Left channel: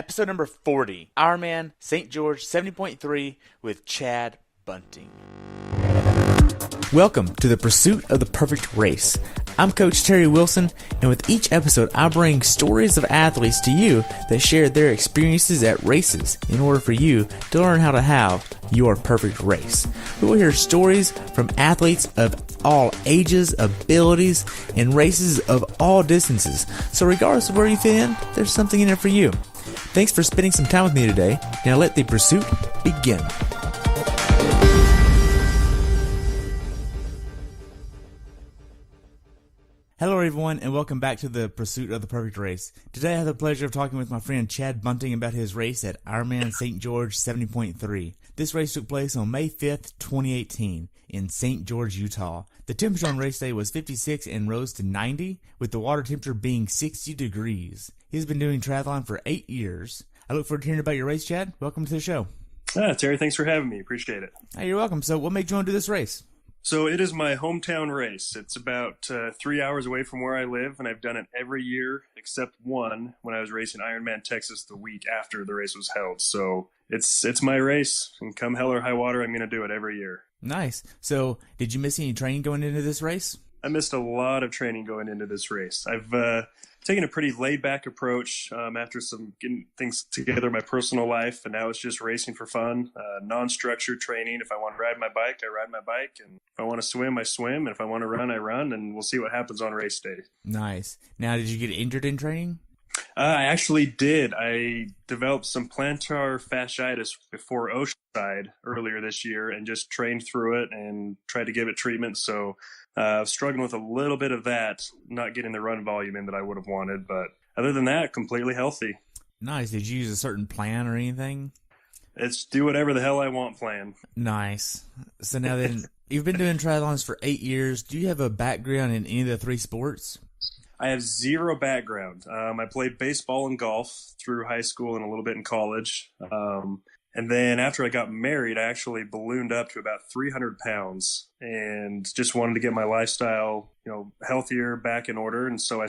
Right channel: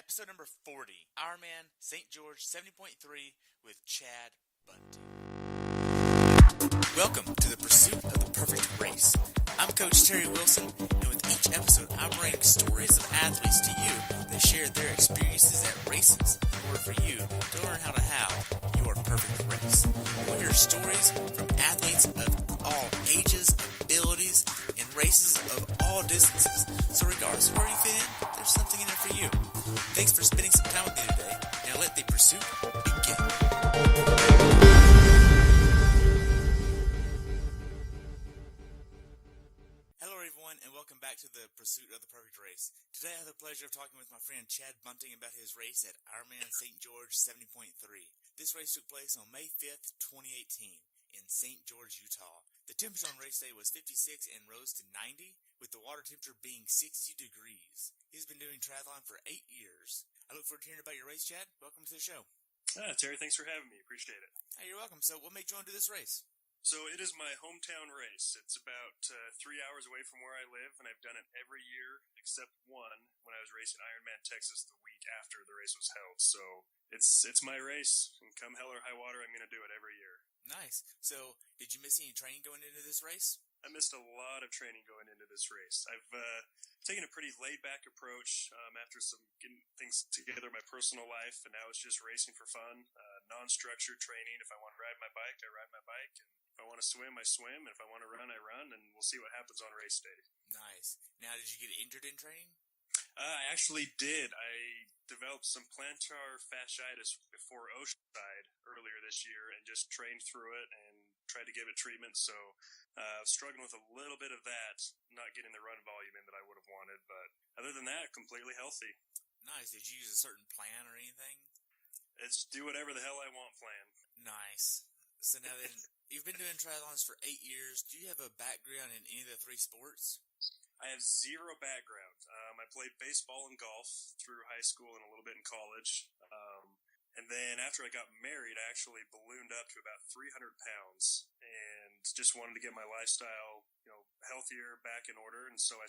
episode number 40, IRONMAN St. George 70.3 with Chad Bunting. Welcome to the pursuit of the perfect race. I'm Coach Terry Wilson, and with each episode, I bring stories of athletes to you that share their experiences at races in order for you to learn how to have your perfect race. We will hear stories from athletes of all ages, abilities, and races of all distances. So regardless of where you fit in, there's something in there for you. Thanks for spending some time with me today. Now let the pursuit begin. Hello everyone, and welcome back to the Pursuit of the Perfect Race. Today I have the pleasure of talking with my friend Chad Bunting about his race at IRONMAN St. George 70.3. This race took place on May 5th, 2018 in St. George, Utah. The temperature on race day was 56 and rose to 90, with the water temperature being 60 degrees. He's been doing triathlon for 8 years. I look forward to hearing about your race, Chad. Welcome to the show. Terry, thanks for having me. Appreciate it. Hey, you're welcome. So what made you want to do this race? So it is my hometown race. It's about 3 hours away from where I live, and I've done it every year except one when I was racing Ironman Texas the week after the race was held. So it's my race, and come hell or high water, I'm going to do it every year. Nice. So did you miss any training going into this race? I missed a lot of training going into this race. I've taken a pretty laid-back approach after some getting things together in my personal life, and now it's just racing for fun, non-structured training. If I want to ride my bike, I ride my bike, and if I want to swim, I swim, and if I want to run, I run, and we'll see what happens on race day. Nice. Now, did you get injured in training? I actually did. I developed some plantar fasciitis before Oceanside earlier this year and just trained through it and tried to give it treatment, so struggling with a little bit of that, not getting the run volume in that I would have wanted, but other than that, completely healthy. Nice. Did you use a certain plan or anything? It's do whatever the hell I want plan. Nice. So now then, you've been doing triathlons for 8 years. Do you have a background in any of the three sports? I have zero background. I played baseball and golf through high school and a little bit in college. And then after I got married, I actually ballooned up to about 300 pounds and just wanted to get my lifestyle, healthier, back in order. And so I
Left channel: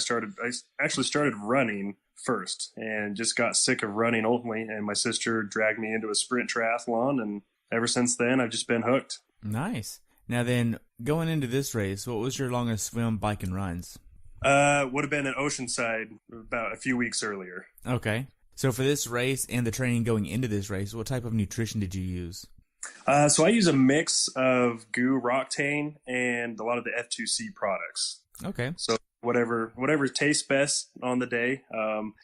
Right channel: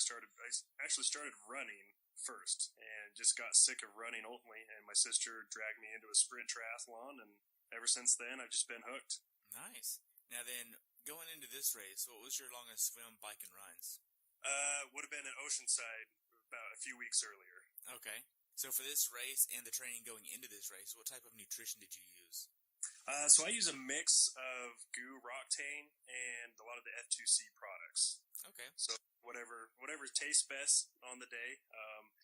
actually started running first and just got sick of running ultimately. And my sister dragged me into a sprint triathlon. And ever since then, I've just been hooked. Nice. Now then, going into this race, what was your longest swim, bike, and runs? Would have been at Oceanside about a few weeks earlier. Okay. So for this race and the training going into this race, what type of nutrition did you use? So I use a mix of GU Roctane and a lot of the F2C products. Okay. So whatever tastes best on the day.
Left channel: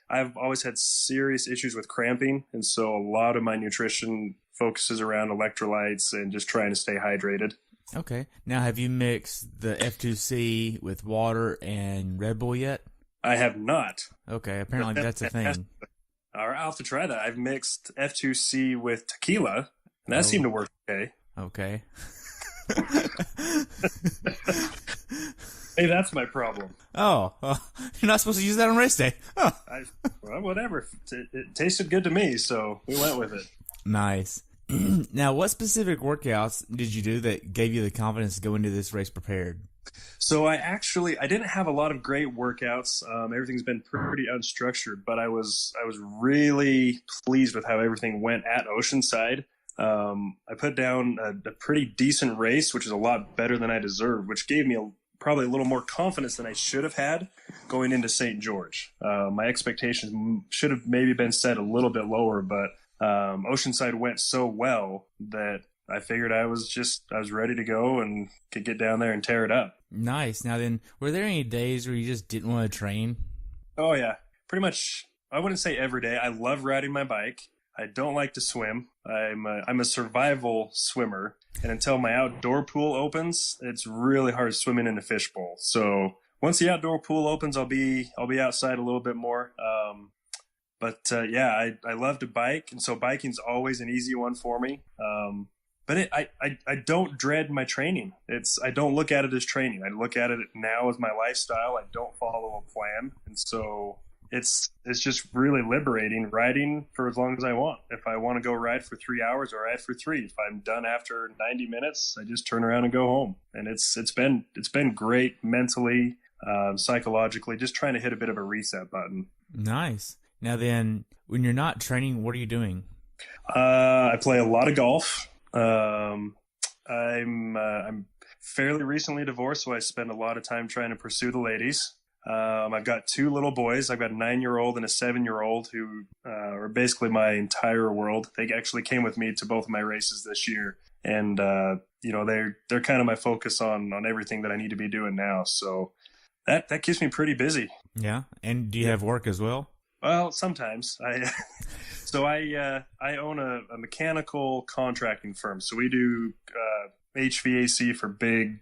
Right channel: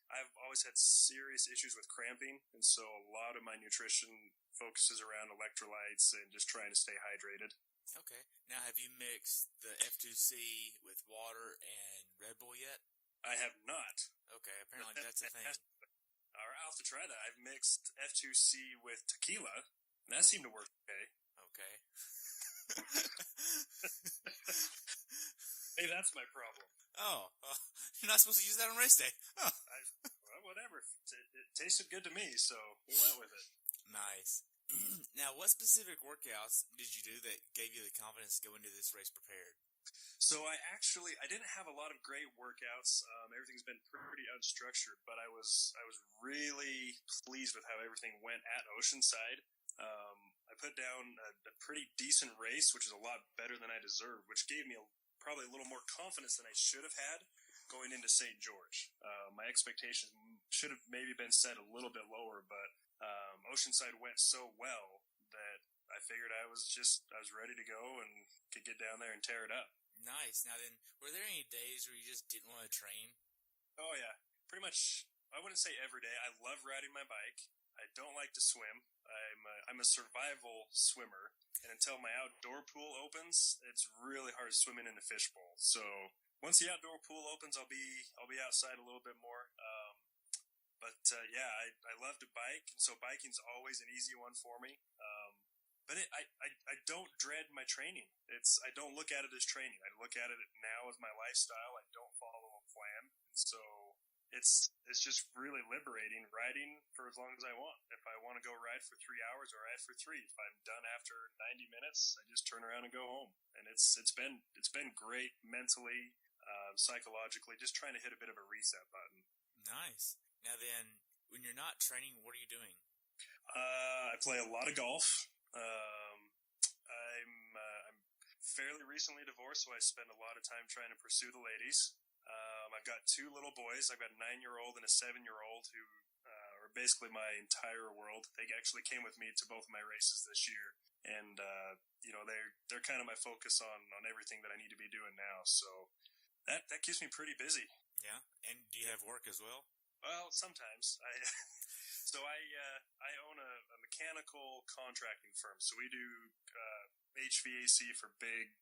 I've always had serious issues with cramping, and so a lot of my nutrition focuses around electrolytes and just trying to stay hydrated. Okay. Now, have you mixed the F2C with water and Red Bull yet? I have not. Okay. Apparently that's a thing. I'll have to try that. I've mixed F2C with tequila, and that seemed to work okay. Okay. Hey, that's my problem. Oh, you're not supposed to use that on race day. Oh. Well, whatever. It tasted good to me, so we went with it. Nice. Now, what specific workouts did you do that gave you the confidence to go into this race prepared? So I didn't have a lot of great workouts. Everything's been pretty unstructured, but I was really pleased with how everything went at Oceanside. I put down a pretty decent race, which is a lot better than I deserved, which gave me probably a little more confidence than I should have had going into St. George. My expectations should have maybe been set a little bit lower, but Oceanside went so well that I figured I was ready to go and could get down there and tear it up. Nice. Now then, were there any days where you just didn't want to train? Oh yeah, pretty much. I wouldn't say every day. I love riding my bike. I don't like to swim. I'm a survival swimmer, and until my outdoor pool opens, it's really hard swimming in a fishbowl. So once the outdoor pool opens, I'll be outside a little bit more. I love to bike, and so biking's always an easy one for me. But I don't dread my training. I don't look at it as training. I look at it now as my lifestyle. I don't follow a plan, and so it's just really liberating riding for as long as I want. If I want to go ride for 3 hours, I ride for 3. If I'm done after 90 minutes, I just turn around and go home. And it's been great mentally, psychologically, just trying to hit a bit of a reset button. Nice. Now then, when you're not training, what are you doing? I play a lot of golf. I'm fairly recently divorced, so I spend a lot of time trying to pursue the ladies. I've got two little boys. I've got a 9-year-old and a 7-year-old who are basically my entire world. They actually came with me to both of my races this year, and they're kind of my focus on everything that I need to be doing now. So that keeps me pretty busy. Yeah, and do you have work as well? Well, sometimes I own a mechanical contracting firm. So we do HVAC for big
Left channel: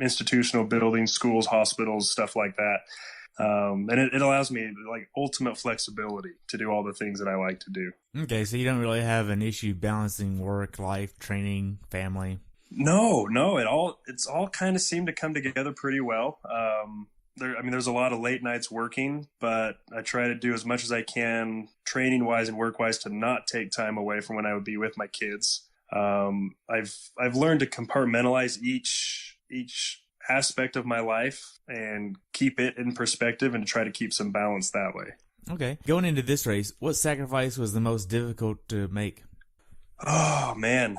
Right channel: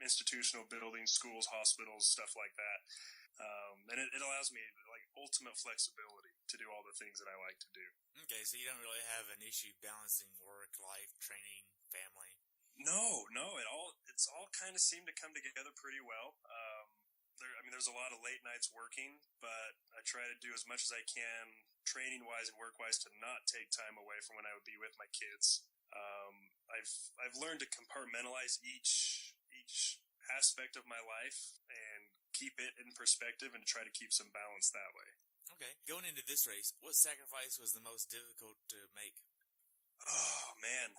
institutional buildings, schools, hospitals, stuff like that. And it allows me like ultimate flexibility to do all the things that I like to do. Okay, so you don't really have an issue balancing work, life, training, family. No, it's all kind of seemed to come together pretty well. There's a lot of late nights working, but I try to do as much as I can training wise and work wise to not take time away from when I would be with my kids. I've learned to compartmentalize each aspect of my life and keep it in perspective and to try to keep some balance that way. Okay. Going into this race, what sacrifice was the most difficult to make? Oh man.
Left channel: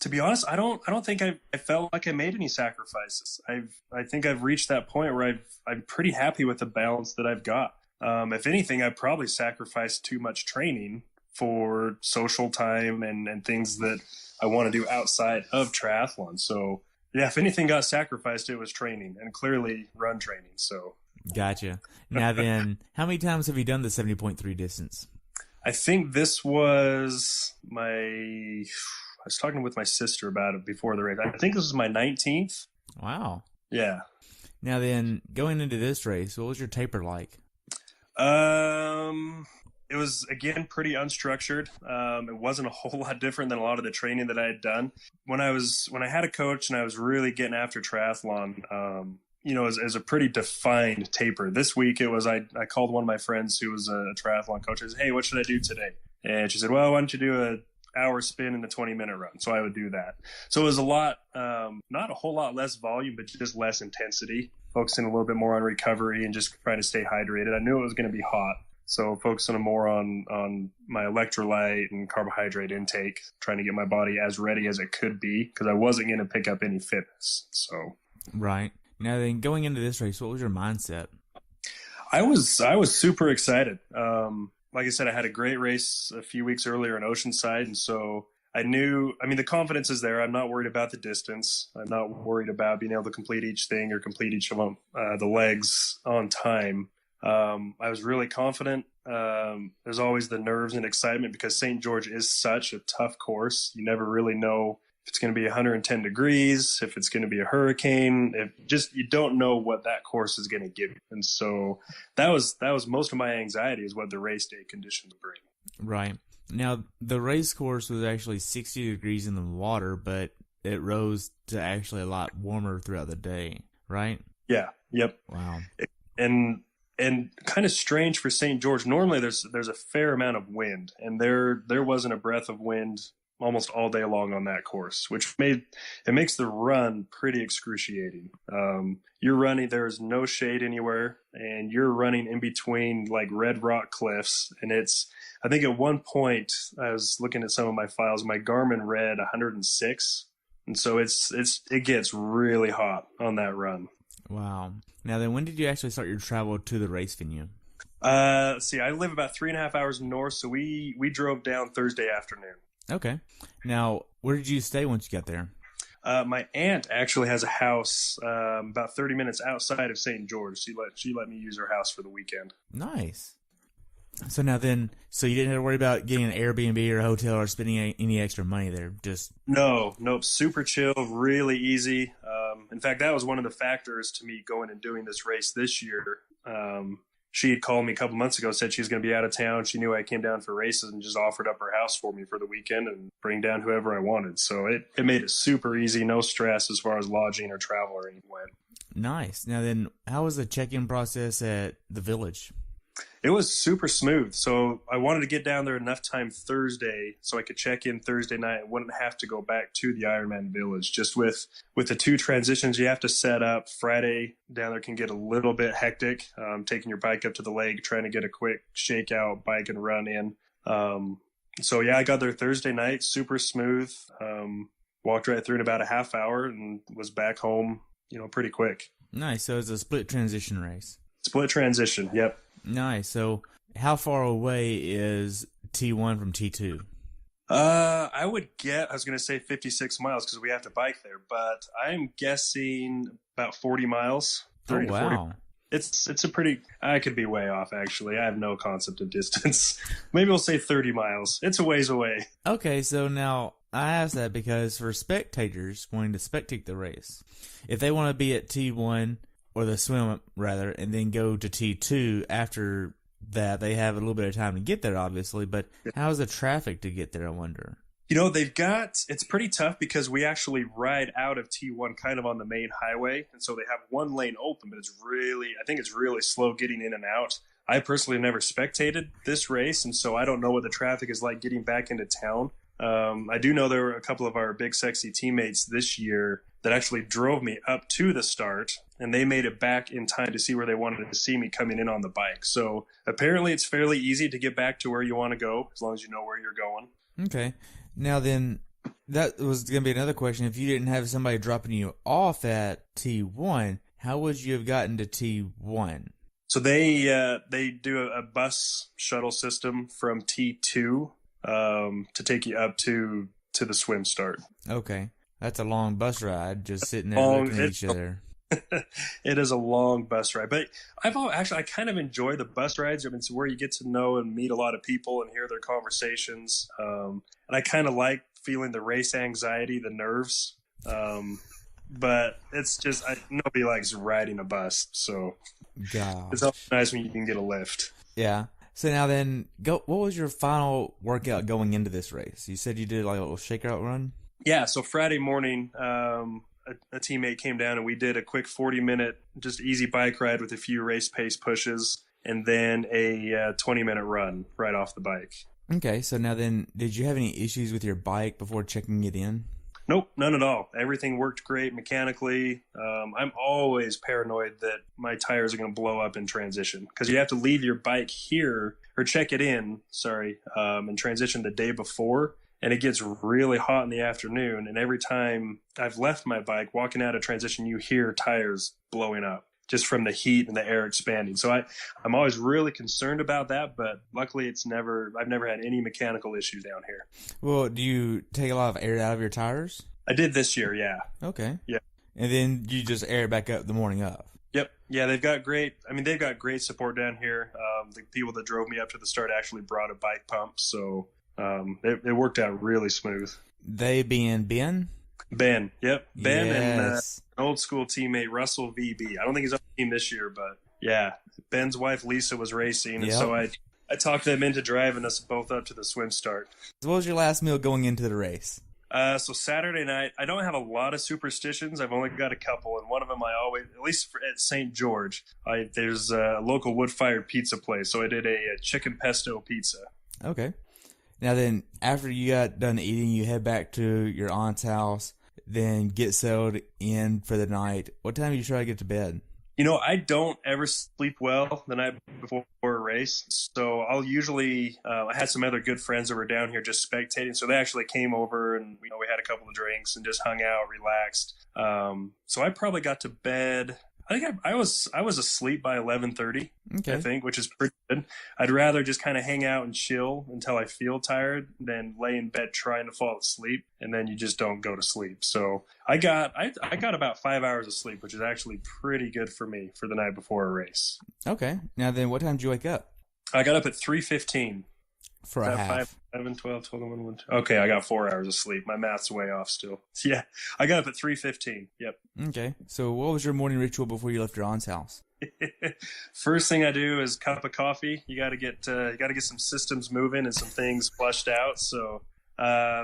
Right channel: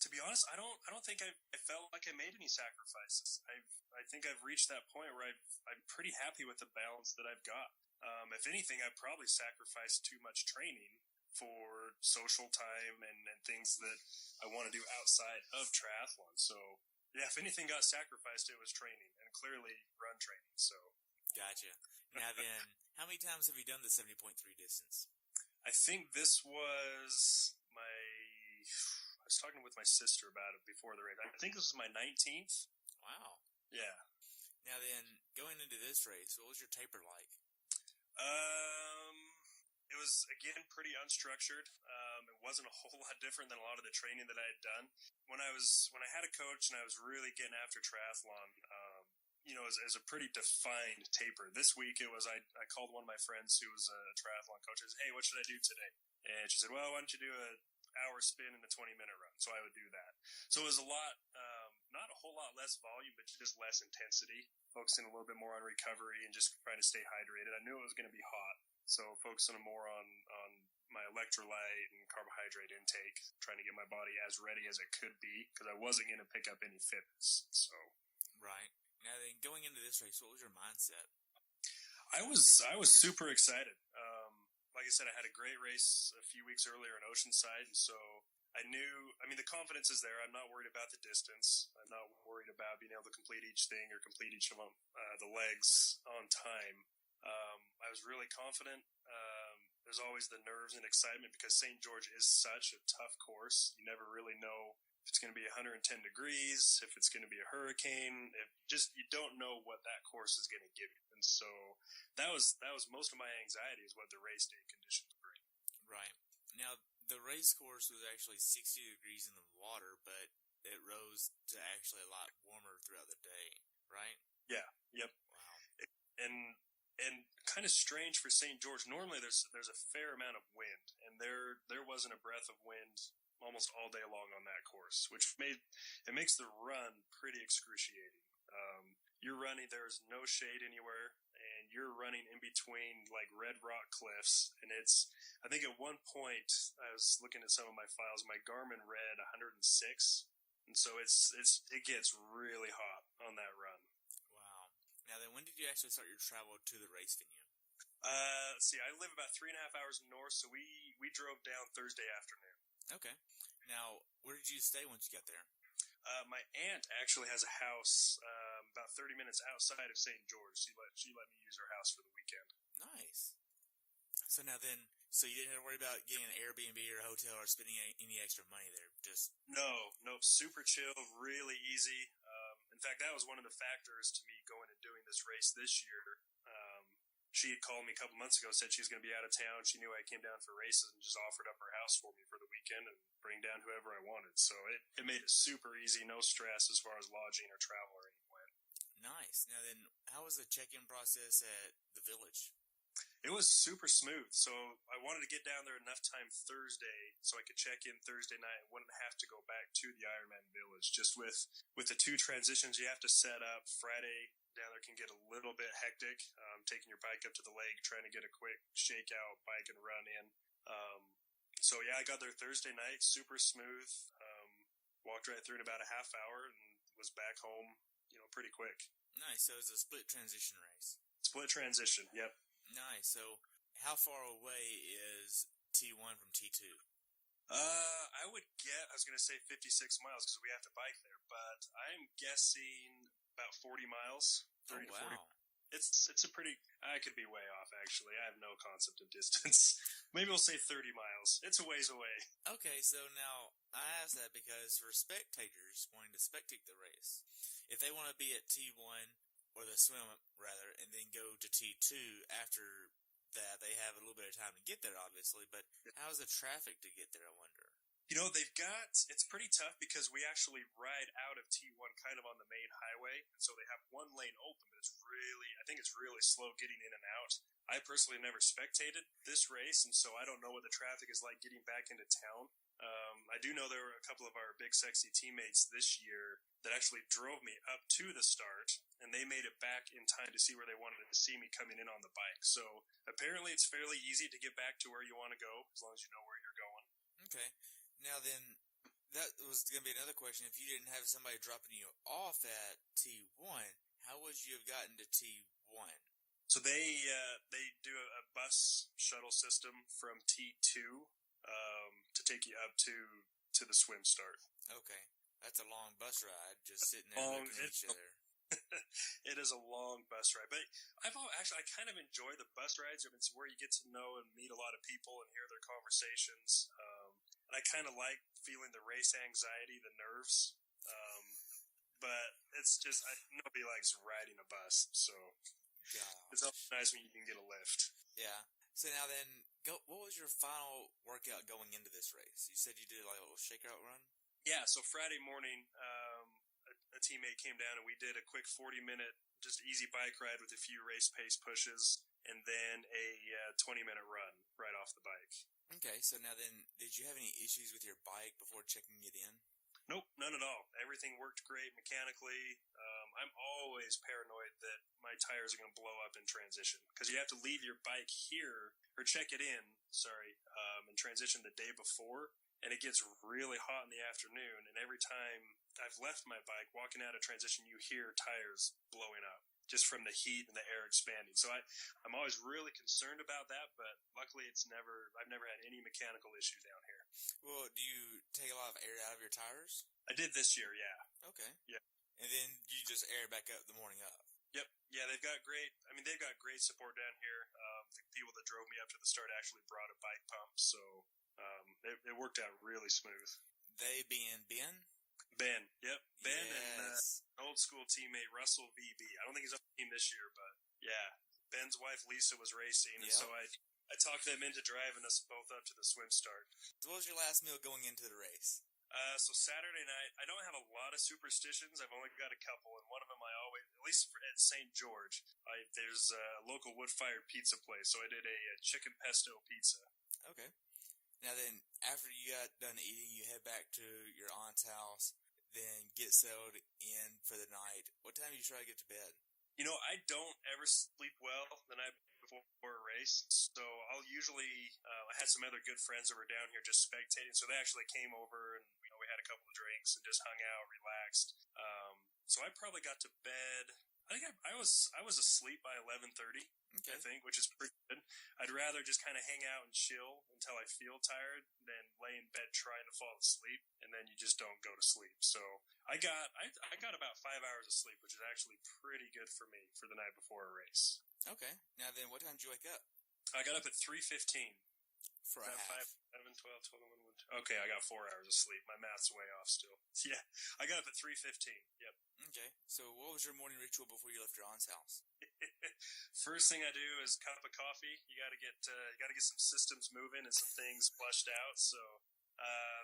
To be honest, I don't think I felt like I made any sacrifices. I think I've reached that point where I'm pretty happy with the balance that I've got. If anything, I probably sacrificed too much training for social time and things that I want to do outside of triathlon. So yeah, if anything got sacrificed, it was training, and clearly run training. So gotcha. Now then, how many times have you done the 70.3 distance? I think this was I was talking with my sister about it before the race. I think this was my 19th. Wow. Yeah. Now then, going into this race, what was your taper like? It was, again, pretty unstructured. It wasn't a whole lot different than a lot of the training that I had done. When I had a coach and I was really getting after triathlon, as a pretty defined taper. This week it was, I called one of my friends who was a triathlon coach. I said, hey, what should I do today? And she said, well, why don't you do a hour spin and a 20-minute run? So I would do that. So it was a lot, not a whole lot less volume, but just less intensity, focusing a little bit more on recovery and just trying to stay hydrated. I knew it was going to be hot, so focusing more on my electrolyte and carbohydrate intake, trying to get my body as ready as it could be, because I wasn't going to pick up any fitness. So right. Now then, going into this race, what was your mindset? I was super excited. Like I said, I had a great race a few weeks earlier in Oceanside, and so I knew, the confidence is there. I'm not worried about the distance. I'm not worried about being able to complete each thing or complete each of them, the legs on time. I was really confident. There's always the nerves and excitement because St. George is such a tough course. You never really know if it's going to be 110 degrees, if it's going to be a hurricane, you don't know what that course is going to give you. And so that was most of my anxiety, is what the race day conditions bring. Right. Now, the race course was actually 60 degrees in the water, but it rose to actually a lot warmer throughout the day, right? Yeah. Yep. Wow. And kind of strange for St. George. Normally there's a fair amount of wind, and there wasn't a breath of wind almost all day long on that course, which makes the run pretty excruciating. You're running, there's no shade anywhere, and you're running in between like red rock cliffs. And I think at one point I was looking at some of my files, my Garmin read 106. And so it gets really hot on that run. Wow. Now then, when did you actually start your travel to the race venue? Let's see, I live about 3.5 hours north, so we drove down Thursday afternoon. Okay. Now, where did you stay once you got there? My aunt actually has a house about 30 minutes outside of St. George. She let me use her house for the weekend. Nice. So now then, you didn't have to worry about getting an Airbnb or a hotel or spending any extra money there? Nope, super chill, really easy. In fact, that was one of the factors to me going and doing this race this year. She had called me a couple months ago, said she was going to be out of town. She knew I came down for races and just offered up her house for me for the weekend and bring down whoever I wanted. So it made it super easy, no stress as far as lodging or travel or anything went. Nice. Now then, how was the check-in process at the village? It was super smooth. So I wanted to get down there enough time Thursday so I could check in Thursday night and wouldn't have to go back to the Ironman Village. Just with the 2 transitions you have to set up, Friday down there can get a little bit hectic, taking your bike up to the lake, trying to get a quick shakeout bike and run in. So yeah, I got there Thursday night, super smooth. Walked right through in about a half hour and was back home, pretty quick. Nice. So it's a split transition race. Split transition. Yep. Nice. So how far away is T1 from T2? I was going to say 56 miles because we have to bike there, but I'm guessing about 40 miles. 30 oh, wow. to 40. It's a pretty, I could be way off actually. I have no concept of distance. Maybe we'll say 30 miles. It's a ways away. Okay. So now I ask that because for spectators wanting to spectate the race, if they want to be at T1 or the swim rather, and then go to T2 after that, they have a little bit of time to get there, obviously. But how's the traffic to get there, I wonder? It's pretty tough because we actually ride out of T1 kind of on the main highway. And so they have one lane open, but I think it's really slow getting in and out. I personally have never spectated this race, and so I don't know what the traffic is like getting back into town. I do know there were a couple of our big sexy teammates this year that actually drove me up to the start, and they made it back in time to see where they wanted to see me coming in on the bike. So apparently it's fairly easy to get back to where you want to go as long as you know where you're going. Okay. Now then, that was going to be another question. If you didn't have somebody dropping you off at T1, how would you have gotten to T1? So they do a bus shuttle system from T2 to take you up to the swim start. Okay. That's a long bus ride, just sitting there looking at each other. It is a long bus ride, but I kind of enjoy the bus rides. I mean, it's where you get to know and meet a lot of people and hear their conversations. And I kind of like feeling the race anxiety, the nerves. But it's just, nobody likes riding a bus. So it's always nice when you can get a lift. Yeah. So now then, what was your final workout going into this race? You said you did like a little shakeout run? Yeah. So Friday morning, a teammate came down and we did a quick 40-minute just easy bike ride with a few race pace pushes and then a 20-minute run right off the bike. Okay, so now then, did you have any issues with your bike before checking it in? Nope, none at all. Everything worked great mechanically. I'm always paranoid that my tires are going to blow up in transition because you have to leave your bike here or check it in, in transition the day before. And it gets really hot in the afternoon. And every time I've left my bike, walking out of transition, you hear tires blowing up just from the heat and the air expanding. So I'm always really concerned about that. But luckily, I've never had any mechanical issues down here. Well, do you take a lot of air out of your tires? I did this year, yeah. Okay. Yeah. And then you just air it back up the morning of? Yep. Yeah, they've got great support down here. The people that drove me up to the start actually brought a bike pump. So it worked out really smooth. They being Ben? Ben, yep. Ben and an old school teammate, Russell VB. I don't think he's on the team this year, but yeah. Ben's wife, Lisa, was racing, and so I talked them into driving us both up to the swim start. So what was your last meal going into the race? So Saturday night, I don't have a lot of superstitions. I've only got a couple, and one of them I always, at least at St. George, there's a local wood-fired pizza place, so I did a chicken pesto pizza. Okay. Now then, after you got done eating, you head back to your aunt's house, then get settled in for the night. What time do you try to get to bed? I don't ever sleep well the night before a race, so I'll usually, I had some other good friends that were down here just spectating, so they actually came over and, we had a couple of drinks and just hung out, relaxed. So I probably got to bed, I think I was asleep by 11:30, okay. I think, which is pretty good. I'd rather just kind of hang out and chill until I feel tired than lay in bed trying to fall asleep, and then you just don't go to sleep. So I got about 5 hours of sleep, which is actually pretty good for me for the night before a race. Okay. Now then, what time did you wake up? I got up at 3:15. For a half. 5, 11, 12, 12, 1, 1, 2. Okay, I got 4 hours of sleep. My math's way off still. Yeah, I got up at 3:15. Yep. Okay. So what was your morning ritual before you left your aunt's house? First thing I do is cup of coffee. You got to get some systems moving and some things flushed out. So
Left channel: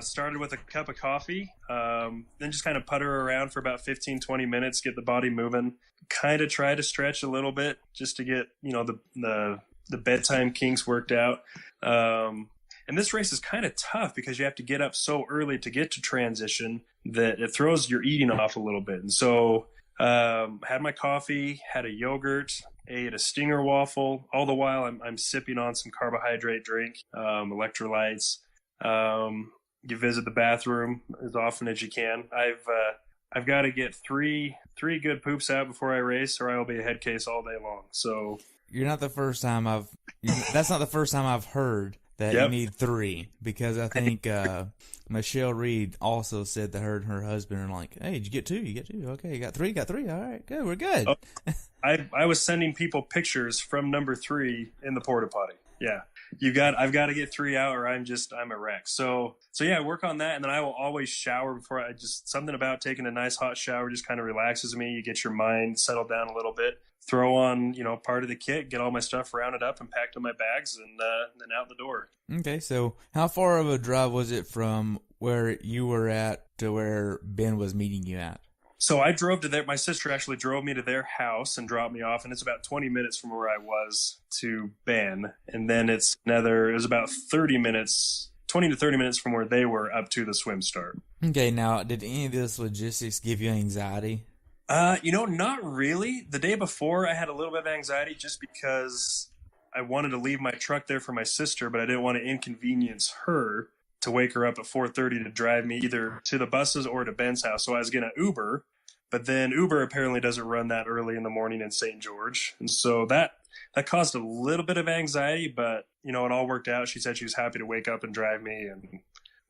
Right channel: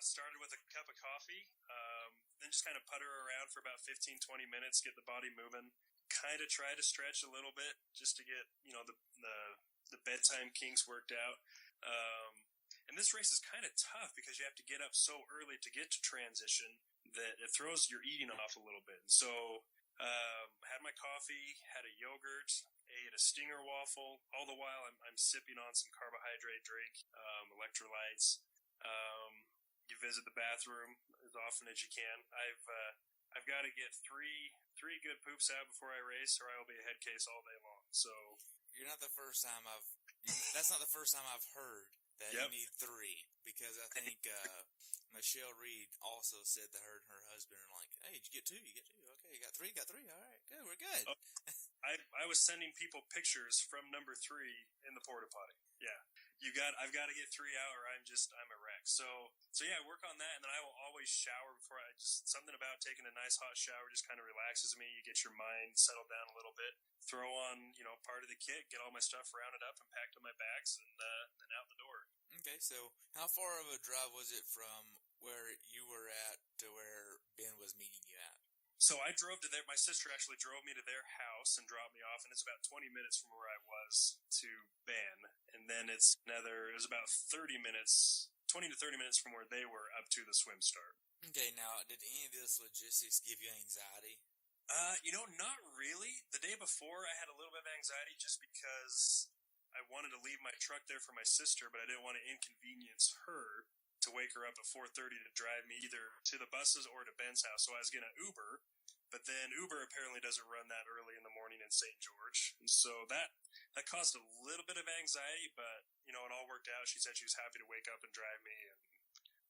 started with a cup of coffee, then just kind of putter around for about 15, 20 minutes, get the body moving. Kind of try to stretch a little bit just to get, the the bedtime kinks worked out. And this race is kind of tough because you have to get up so early to get to transition that it throws your eating off a little bit. And so had my coffee, had a yogurt, ate a Stinger waffle. All the while I'm sipping on some carbohydrate drink, electrolytes. You visit the bathroom as often as you can. I've got to get three good poops out before I race, or I will be a head case all day long. So you're not the first time that's not the first time I've heard that you need 3, because I think Michelle Reed also said that her and her husband are like, hey, did you get 2? You get 2. Okay, you got 3. All right, good. We're good. Oh, I was sending people pictures from number 3 in the porta potty. Yeah. I've got to get 3 out or I'm a wreck. So yeah, work on that. And then I will always shower before something about taking a nice hot shower just kind of relaxes me. You get your mind settled down a little bit, throw on, part of the kit, get all my stuff rounded up and packed in my bags and then out the door. Okay. So how far of a drive was it from where you were at to where Ben was meeting you at? So I drove to there. My sister actually drove me to their house and dropped me off, and it's about 20 minutes from where I was to Ben. And then it was about 20 to 30 minutes from where they were up to the swim start. Okay, now, did any of this logistics give you anxiety? Not really. The day before, I had a little bit of anxiety just because I wanted to leave my truck there for my sister, but I didn't want to inconvenience her to wake her up at 4:30 to drive me either to the buses or to Ben's house. So I was going to Uber. But then Uber apparently doesn't run that early in the morning in St. George. And so that caused a little bit of anxiety, but, it all worked out. She said she was happy to wake up and drive me. And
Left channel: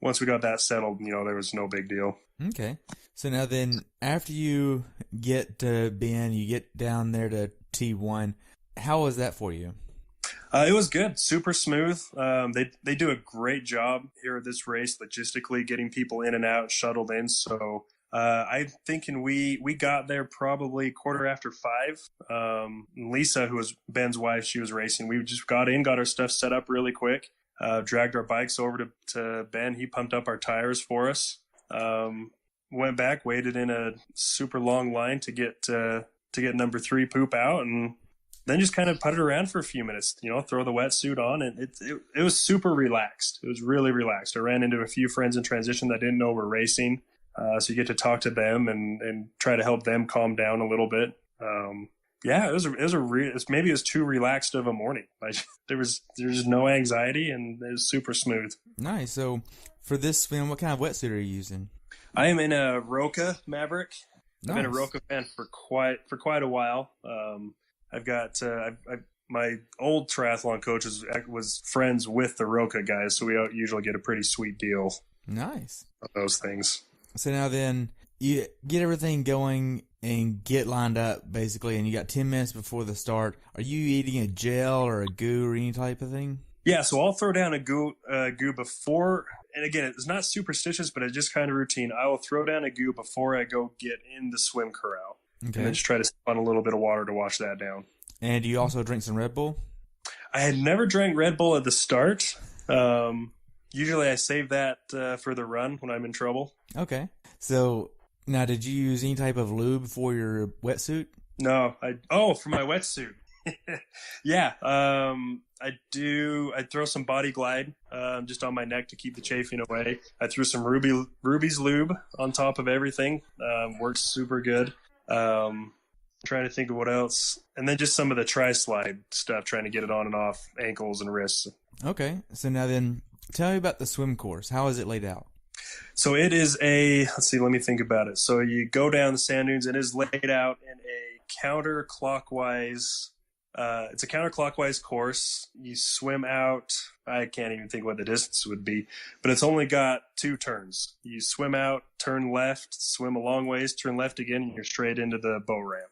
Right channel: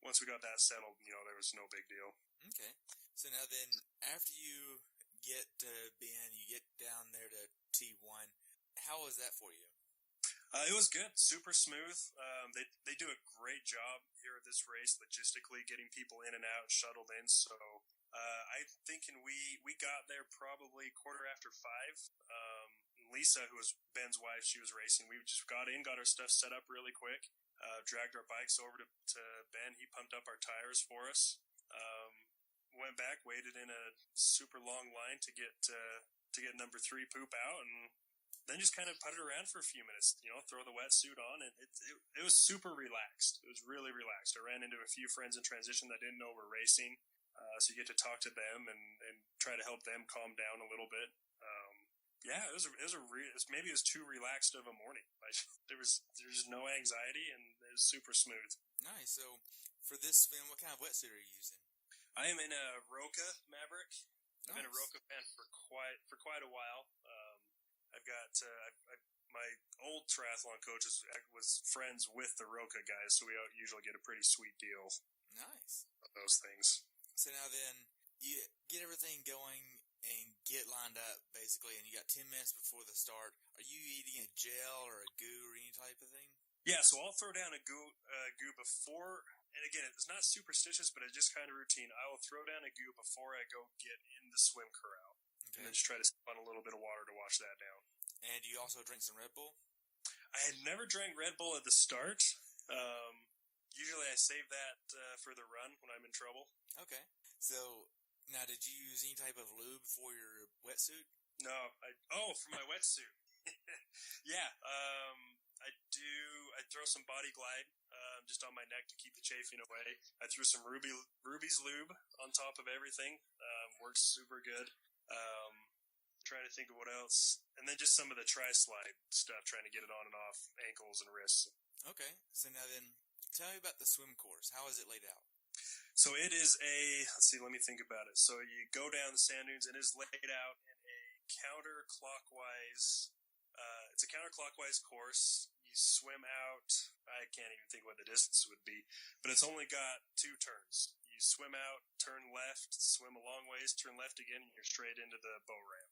once we got that settled, there was no big deal. Okay. So now then, after you get to Ben, you get down there to T1, how was that for you? It was good. Super smooth. They do a great job here at this race, logistically getting people in and out, shuttled in. So I'm thinking we got there probably 5:15. Lisa, who was Ben's wife, she was racing. We just got our stuff set up really quick, dragged our bikes over to Ben. He pumped up our tires for us. Went back, waited in a super long line to get number 3 poop out, and then just kind of putted around for a few minutes, throw the wetsuit on, and it was super relaxed. It was really relaxed. I ran into a few friends in transition that didn't know we're racing. So you get to talk to them and try to help them calm down a little bit. Maybe it was too relaxed of a morning. Like there's no anxiety and it was super smooth. Nice. So for this swim, what kind of wetsuit are you using? I am in a Roka Maverick. Nice. I've been a Roka fan for quite a while. I've got my old triathlon coach was friends with the Roka guys, so we usually get a pretty sweet deal. Nice. On those things. So now then, you get everything going and get lined up, basically, and you got 10 minutes before the start. Are you eating a gel or a goo or any type of thing? Yeah, so I'll throw down a goo before, and again, it's not superstitious, but it's just kind of routine. I will throw down a goo before I go get in the swim corral. Okay. And then just try to sip on a little bit of water to wash that down. And do you also drink some Red Bull? I had never drank Red Bull at the start. Usually I save that for the run when I'm in trouble. Okay. So now, did you use any type of lube for your wetsuit? No. For my wetsuit. Yeah. I do. I throw some Body Glide just on my neck to keep the chafing away. I threw some Ruby's lube on top of everything. Works super good. Trying to think of what else. And then just some of the Tri-Slide stuff, trying to get it on and off ankles and wrists. Okay. So now then, tell me about the swim course. How is it laid out? So it is let me think about it. So you go down the sand dunes. It is laid out in a counterclockwise, it's a counterclockwise course. You swim out, I can't even think what the distance would be, but it's only got 2 turns. You swim out, turn left, swim a long ways, turn left again, and you're straight into the boat ramp.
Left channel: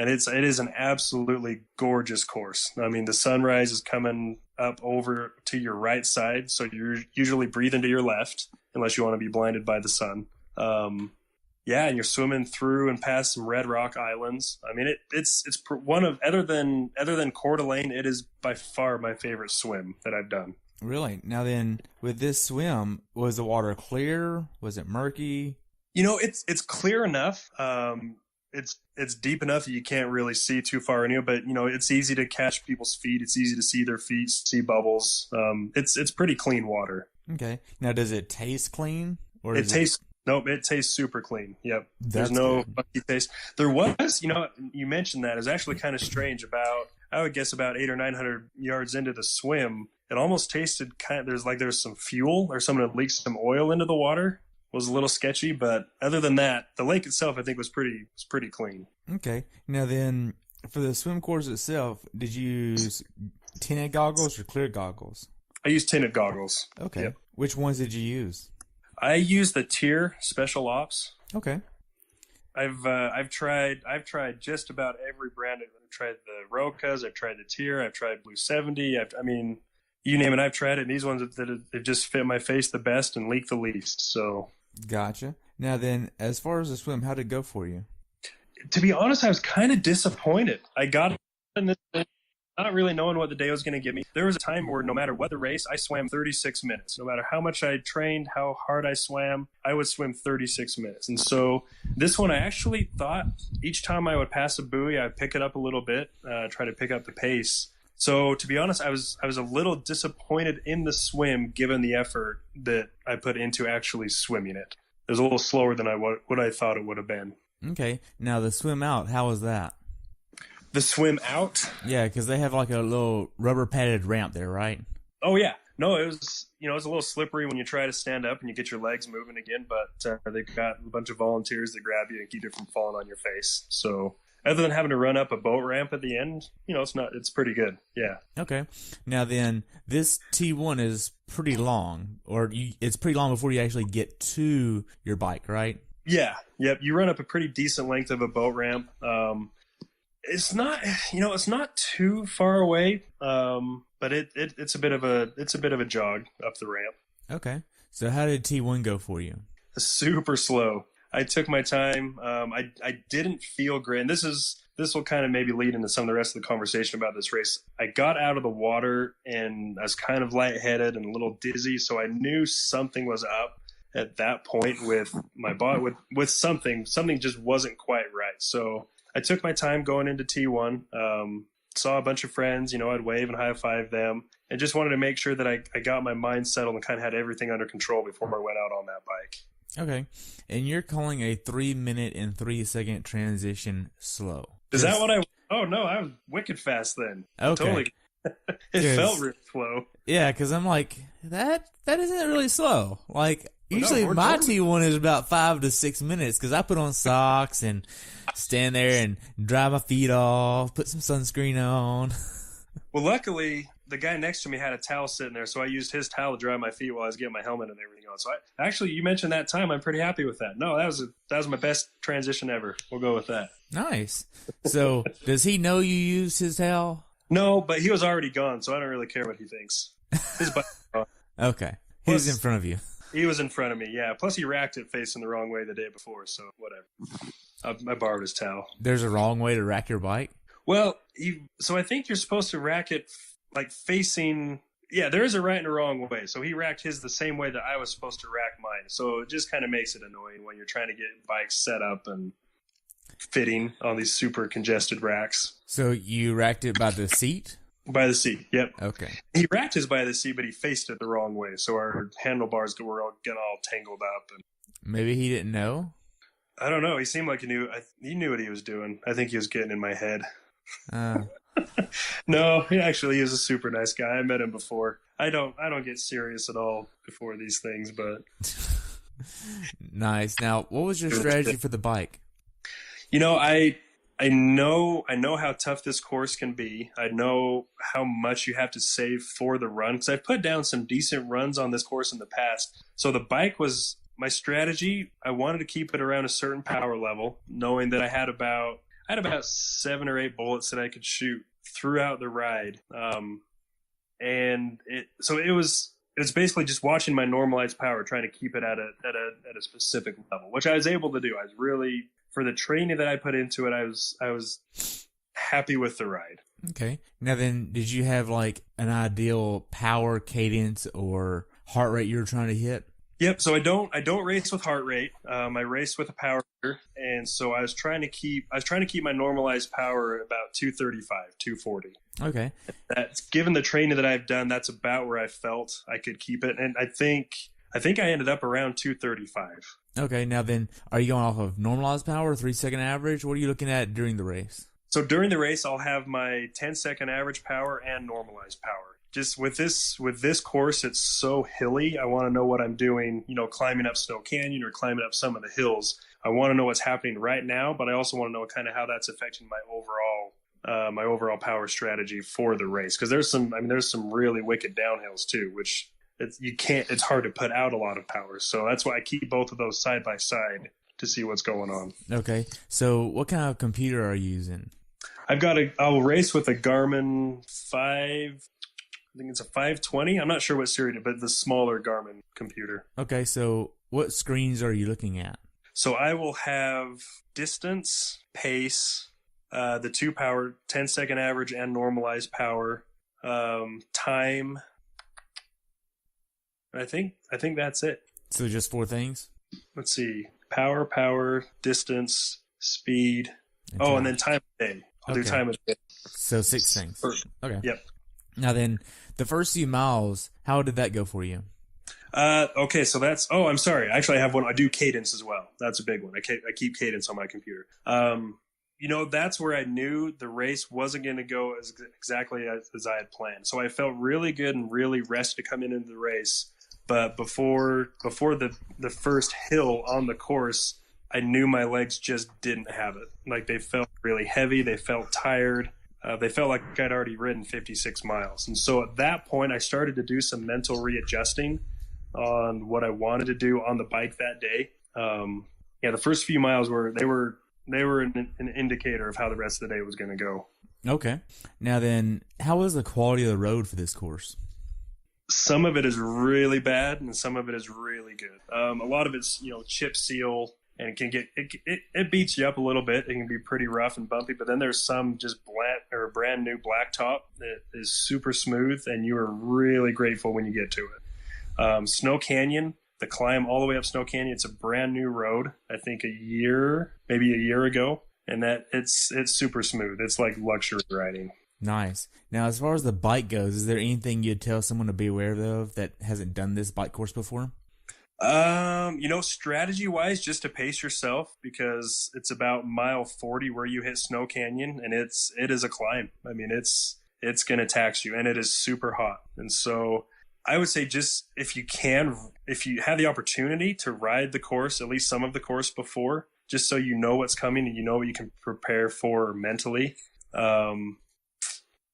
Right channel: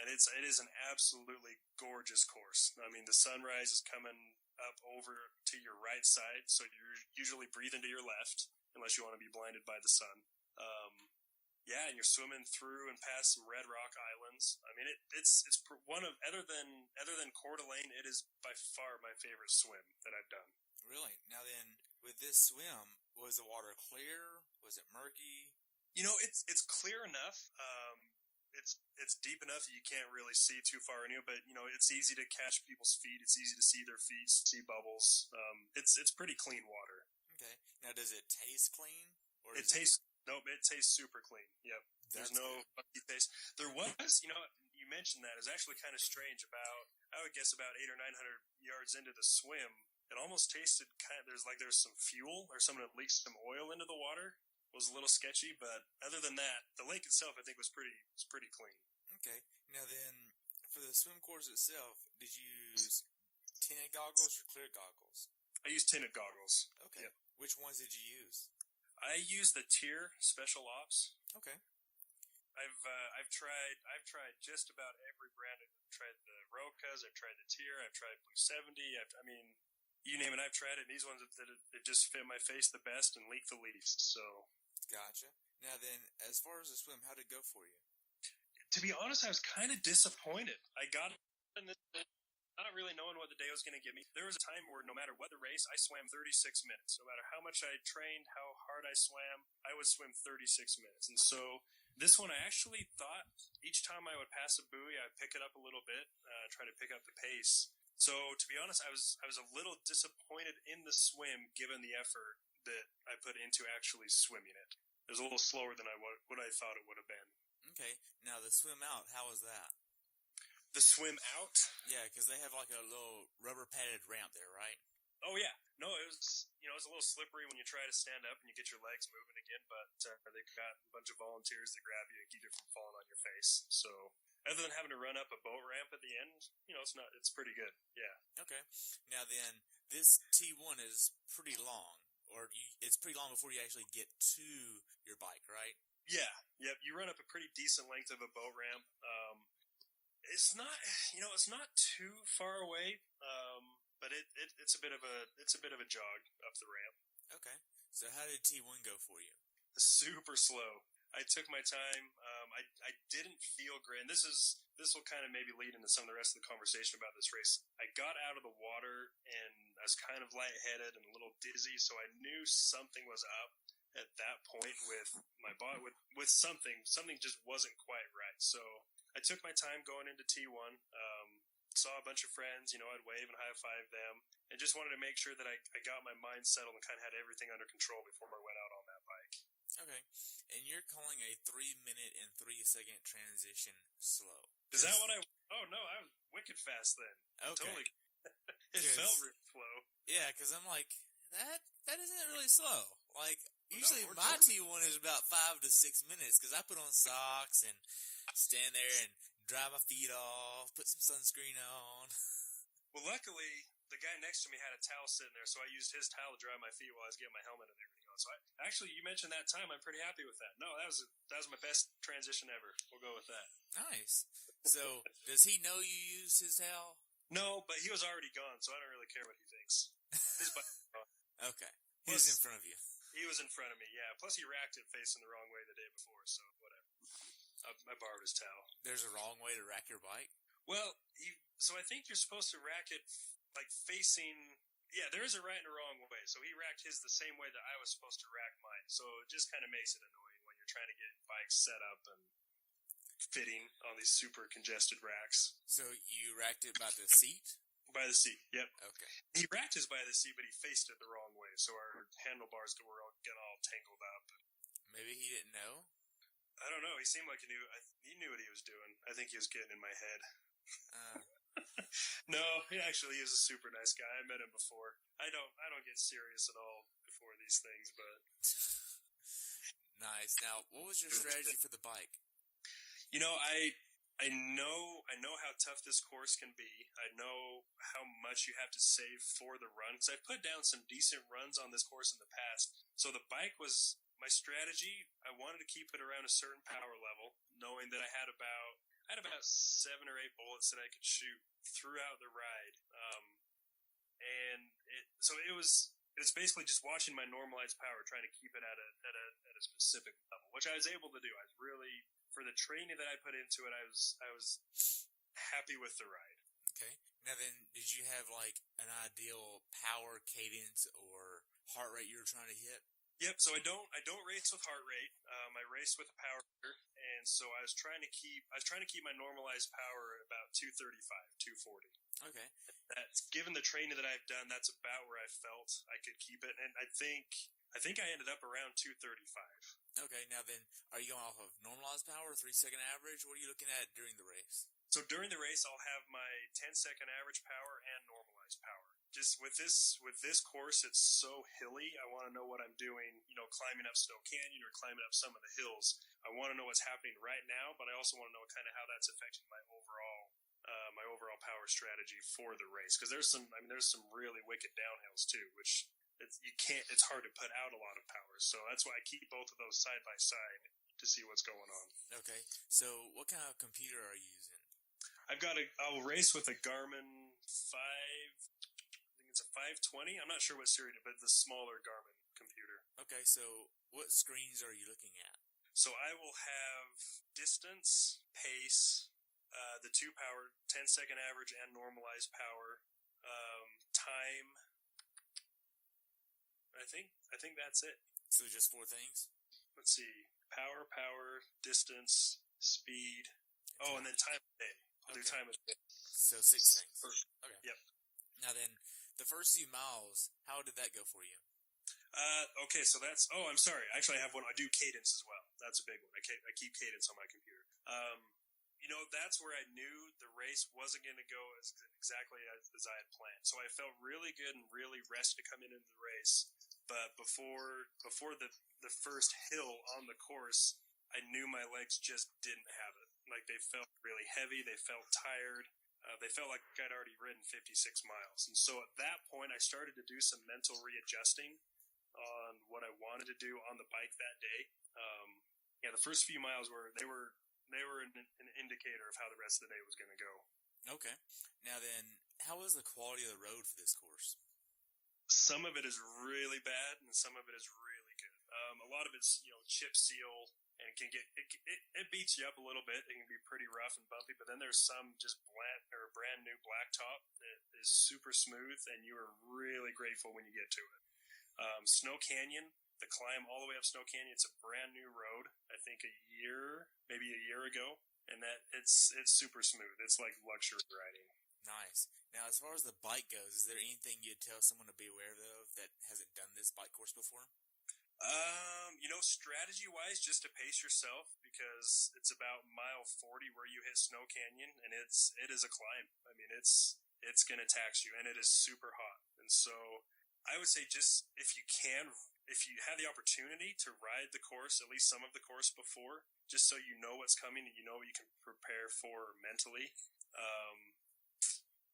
And it is an absolutely gorgeous course. I mean, the sunrise is coming up over to your right side, so you're usually breathing to your left, unless you want to be blinded by the sun. And you're swimming through and past some red rock islands. I mean, it's one of other than Coeur d'Alene, it is by far my favorite swim that I've done. Really? Now then, with this swim, was the water clear? Was it murky? It's clear enough. it's deep enough that you can't really see too far into it, but it's easy to catch people's feet. It's easy to see their feet, see bubbles. It's pretty clean water. Okay. Now, does it taste clean, or It tastes Nope, it tastes super clean. Yep. There's no funky taste. There was, you mentioned that. It's actually kind of strange. I would guess about 800 or 900 yards into the swim, it almost tasted there's some fuel or someone had leaked some oil into the water. It was a little sketchy, but other than that, the lake itself I think was pretty clean. Okay. Now then, for the swim course itself, did you use tinted goggles or clear goggles? I used tinted goggles. Okay. Yep. Which ones did you use? I used the Tier Special Ops. Okay. I've tried just about every brand. I've tried the Rocas, I've tried the Tier, I've tried Blue 70. I mean, you name it, I've tried it. And these ones that have just fit my face the best and leak the least. So Gotcha. Now then, as far as the swim, how'd it go for you? to be honest, I was kind of disappointed. I got in this thing not really knowing what the day was going to give me. There was a time where no matter what the race, I swam 36 minutes. No matter how much I trained, how hard I swam, I would swim 36 minutes. And so this one, I actually thought each time I would pass a buoy, I'd pick it up a little bit, try to pick up the pace. So to be honest, I was a little disappointed in the swim given the effort that I put into actually swimming it. It was a little slower than what I thought it would have been. Okay. Now the swim out, how was that? The swim out? Yeah, because they have like a little rubber padded ramp there, right? Oh yeah, no, it was it was a little slippery when you try to stand up and you get your legs moving again, but they've got a bunch of volunteers that grab you and keep you from falling on your face. So other than having to run up a boat ramp at the end, it's pretty good. Yeah. Okay. Now then, this T1 is pretty long, it's pretty long before you actually get to your bike, right? Yeah. Yep. You run up a pretty decent length of a boat ramp. It's not, it's not too far away, but it's a bit of a jog up the ramp. Okay. So how did T1 go for you? Super slow. I took my time. I didn't feel great. And this will kind of maybe lead into some of the rest of the conversation about this race. I got out of the water and I was kind of lightheaded and a little dizzy, so I knew something was up at that point with my body, with something just wasn't quite right. So I took my time going into T1, saw a bunch of friends, I'd wave and high five them, and just wanted to make sure that I got my mind settled and kind of had everything under control before I went out on that bike. Okay. And you're calling a 3-minute and 3-second transition slow. Is that what oh no, I was wicked fast then. Okay. Totally. It felt real slow. Yeah, because I'm like, that isn't really slow. Like, usually my T1 is about 5 to 6 minutes because I put on socks and stand there and dry my feet off, put some sunscreen on. Well, luckily, the guy next to me had a towel sitting there, so I used his towel to dry my feet while I was getting my helmet and everything on. So actually, you mentioned that time. I'm pretty happy with that. No, that was my best transition ever. We'll go with that. Nice. So, does he know you used his towel? No, but he was already gone, so I don't really care what he thinks. His bike was gone. Okay. He was in front of you. He was in front of me, yeah. Plus, he racked it facing the wrong way the day before, so whatever. I borrowed his towel. There's a wrong way to rack your bike? Well, so I think you're supposed to rack it like facing. Yeah, there is a right and a wrong way. So he racked his the same way that I was supposed to rack mine. So it just kind of makes it annoying when you're trying to get bikes set up and fitting on these super congested racks. So you racked it by the seat? By the seat, yep. Okay. He racked his by the seat, but he faced it the wrong way. So our handlebars were all getting all tangled up. And maybe he didn't know? I don't know. He seemed like he knew what he was doing. I think he was getting in my head. No, he is a super nice guy. I met him before. I don't get serious at all before these things, but nice. Now, what was your strategy for the bike? I know how tough this course can be. I know how much you have to save for the run because I've put down some decent runs on this course in the past. So the bike was my strategy. I wanted to keep it around a certain power level, knowing that I had about 7 or 8 bullets that I could shoot throughout the ride. And it was basically just watching my normalized power, trying to keep it at a specific level, which I was able to do. I was really, for the training that I put into it, I was happy with the ride. Okay. Now then, did you have like an ideal power cadence or heart rate you were trying to hit? Yep. So I don't race with heart rate. I race with a power meter, and so I was trying to keep my normalized power about 235, 240. Okay. That's given the training that I've done. That's about where I felt I could keep it, and I think I ended up around 235. Okay. Now then, are you going off of normalized power, 3 second average? What are you looking at during the race? So during the race, I'll have my 10-second average power and normalized power. Just with this course, it's so hilly. I want to know what I'm doing, climbing up Snow Canyon or climbing up some of the hills. I want to know what's happening right now, but I also want to know kind of how that's affecting my overall power strategy for the race. Because there's some really wicked downhills too, which it's hard to put out a lot of power. So that's why I keep both of those side by side to see what's going on. Okay. So what kind of computer are you using? I'll race with a Garmin 5. I think it's a 520. I'm not sure what series, but the smaller Garmin computer. Okay, so what screens are you looking at? So I will have distance, pace, the two power, 10-second average and normalized power, time. I think that's it. So just 4 things? Let's see. Power, distance, speed. And then time of day. I'll do time of day. So 6 things. Okay. Yep. Now then, the first few miles, how did that go for you? Okay, so I'm sorry. Actually, I have one. I do cadence as well. That's a big one. I keep cadence on my computer. That's where I knew the race wasn't going to go exactly as I had planned. So I felt really good and really rested to come into the race. But before the first hill on the course, I knew my legs just didn't have it. Like they felt really heavy. They felt tired. They felt like I'd already ridden 56 miles. And so at that point, I started to do some mental readjusting on what I wanted to do on the bike that day. The first few miles were an indicator of how the rest of the day was going to go. Okay. Now then, how was the quality of the road for this course? Some of it is really bad and some of it is really good. A lot of it's, chip seal, and it beats you up a little bit. It can be pretty rough and bumpy, but then there's some just brand new blacktop that is super smooth, and you are really grateful when you get to it. Snow Canyon, the climb all the way up Snow Canyon, it's a brand new road. I think maybe a year ago, and that it's super smooth. It's like luxury riding. Nice. Now, as far as the bike goes, is there anything you'd tell someone to be aware of that hasn't done this bike course before? Strategy wise, just to pace yourself, because it's about mile 40 where you hit Snow Canyon, and it is a climb. I mean, it's going to tax you, and it is super hot. And so I would say just if you have the opportunity to ride the course, at least some of the course before, just so you know what's coming and you know what you can prepare for mentally.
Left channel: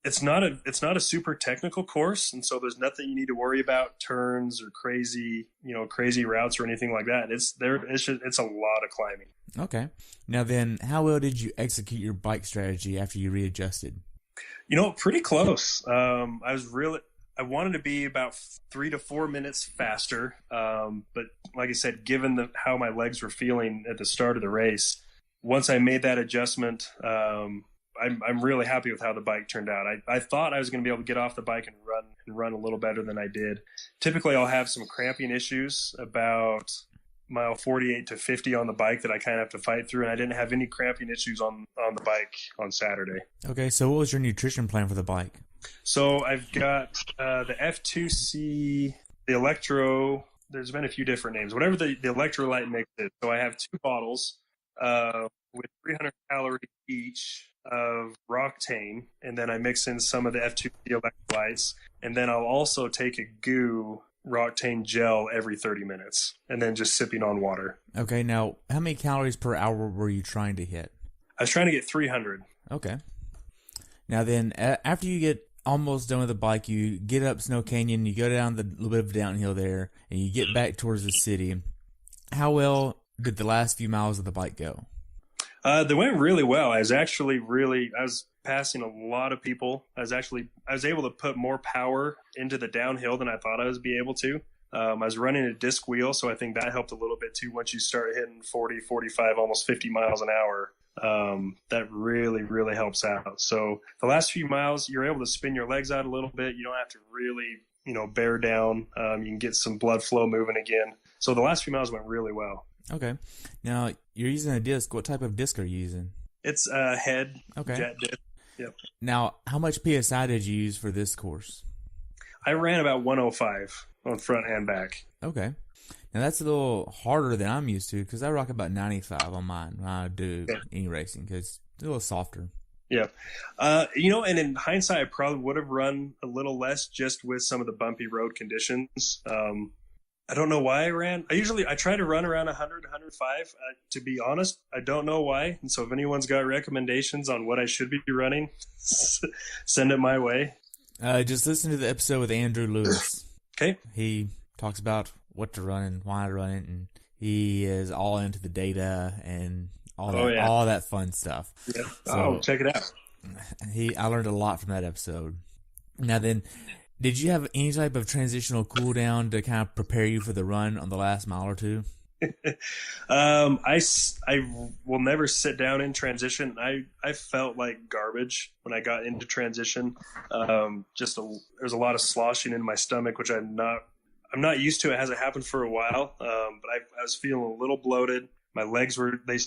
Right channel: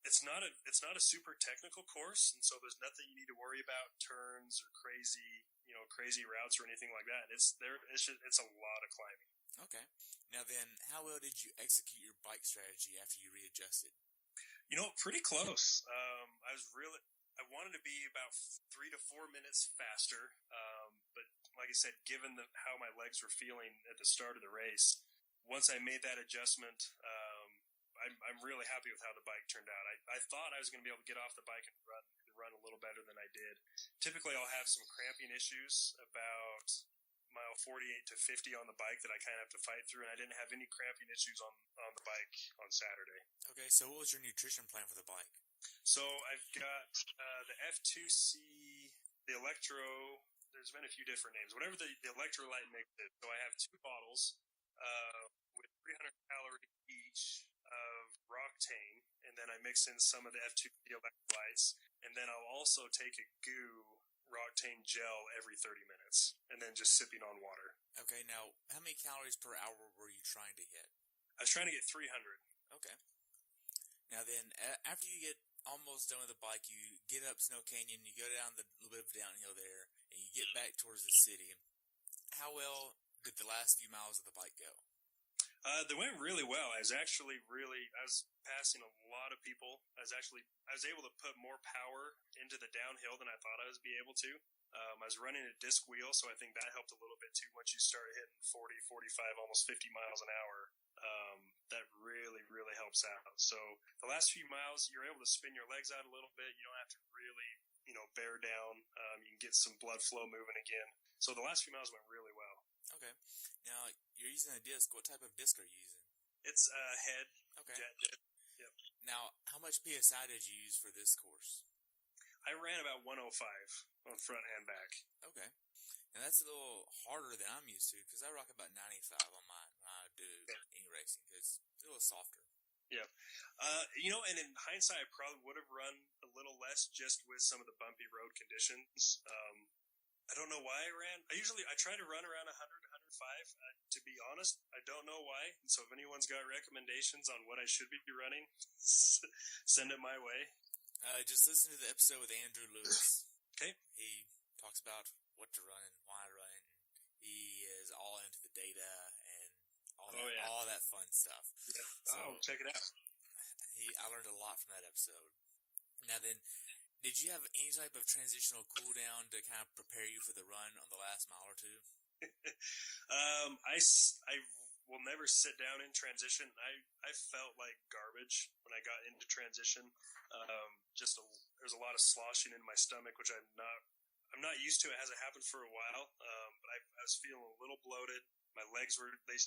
It's not a super technical course, and so there's nothing you need to worry about, turns or crazy routes or anything like that. It's a lot of climbing. Okay. Now then, how well did you execute your bike strategy after you readjusted? Pretty close. I wanted to be about 3 to 4 minutes faster, but like I said, given how my legs were feeling at the start of the race, once I made that adjustment, I'm really happy with how the bike turned out. I thought I was going to be able to get off the bike and run a little better than I did. Typically, I'll have some cramping issues about mile 48 to 50 on the bike that I kind of have to fight through, and I didn't have any cramping issues on the bike on Saturday. Okay, so what was your nutrition plan for the bike? So I've got the F2C, the Electro. There's been a few different names. Whatever the electrolyte mix is. So I have 2 bottles with 300 calories each of Roctane, and then I mix in some of the F2C electrolytes, and then I'll also take a goo Roctane gel every 30 minutes, and then just sipping on water. Okay, now how many calories per hour were you trying to hit? I was trying to get 300. Okay. Now then, after you get almost done with the bike, you get up Snow Canyon, you go down the little bit of downhill there, and you get back towards the city. How well did the last few miles of the bike go? They went really well. I was passing a lot of people. I was able to put more power into the downhill than I thought I was be able to. I was running a disc wheel, so I think that helped a little bit too. Once you start hitting 40, 45, almost 50 miles an hour, that really helps out. So the last few miles, you're able to spin your legs out a little bit. You don't have to really, bear down. You can get some blood flow moving again. So the last few miles went really well. Okay. Now, you're using a disc. What type of disc are you using? It's a head Okay. jet disc. Yep. Now, how much PSI did you use for this course? I ran about 105 on front and back. Okay. Now, that's a little harder than I'm used to because I rock about 95 on mine when I do any racing because it's a little softer. Yeah. And in hindsight, I probably would have run a little less just with some of the bumpy road conditions. I don't know why I ran. I try to run around 100, 105. To be honest, I don't know why. And so if anyone's got recommendations on what I should be running, send it my way. Just listen to the episode with Andrew Lewis. Okay. He talks about what to run and why to run it, and he is all into the data and all that fun stuff. Yeah. So, check it out. I learned a lot from that episode. Now then, did you have any type of transitional cool down to kind of prepare you for the run on the last mile or two? I will never sit down in transition. I felt like garbage when I got into transition. There's a lot of sloshing in my stomach, which I'm not used to. It hasn't happened for a while. But I was feeling a little bloated. My legs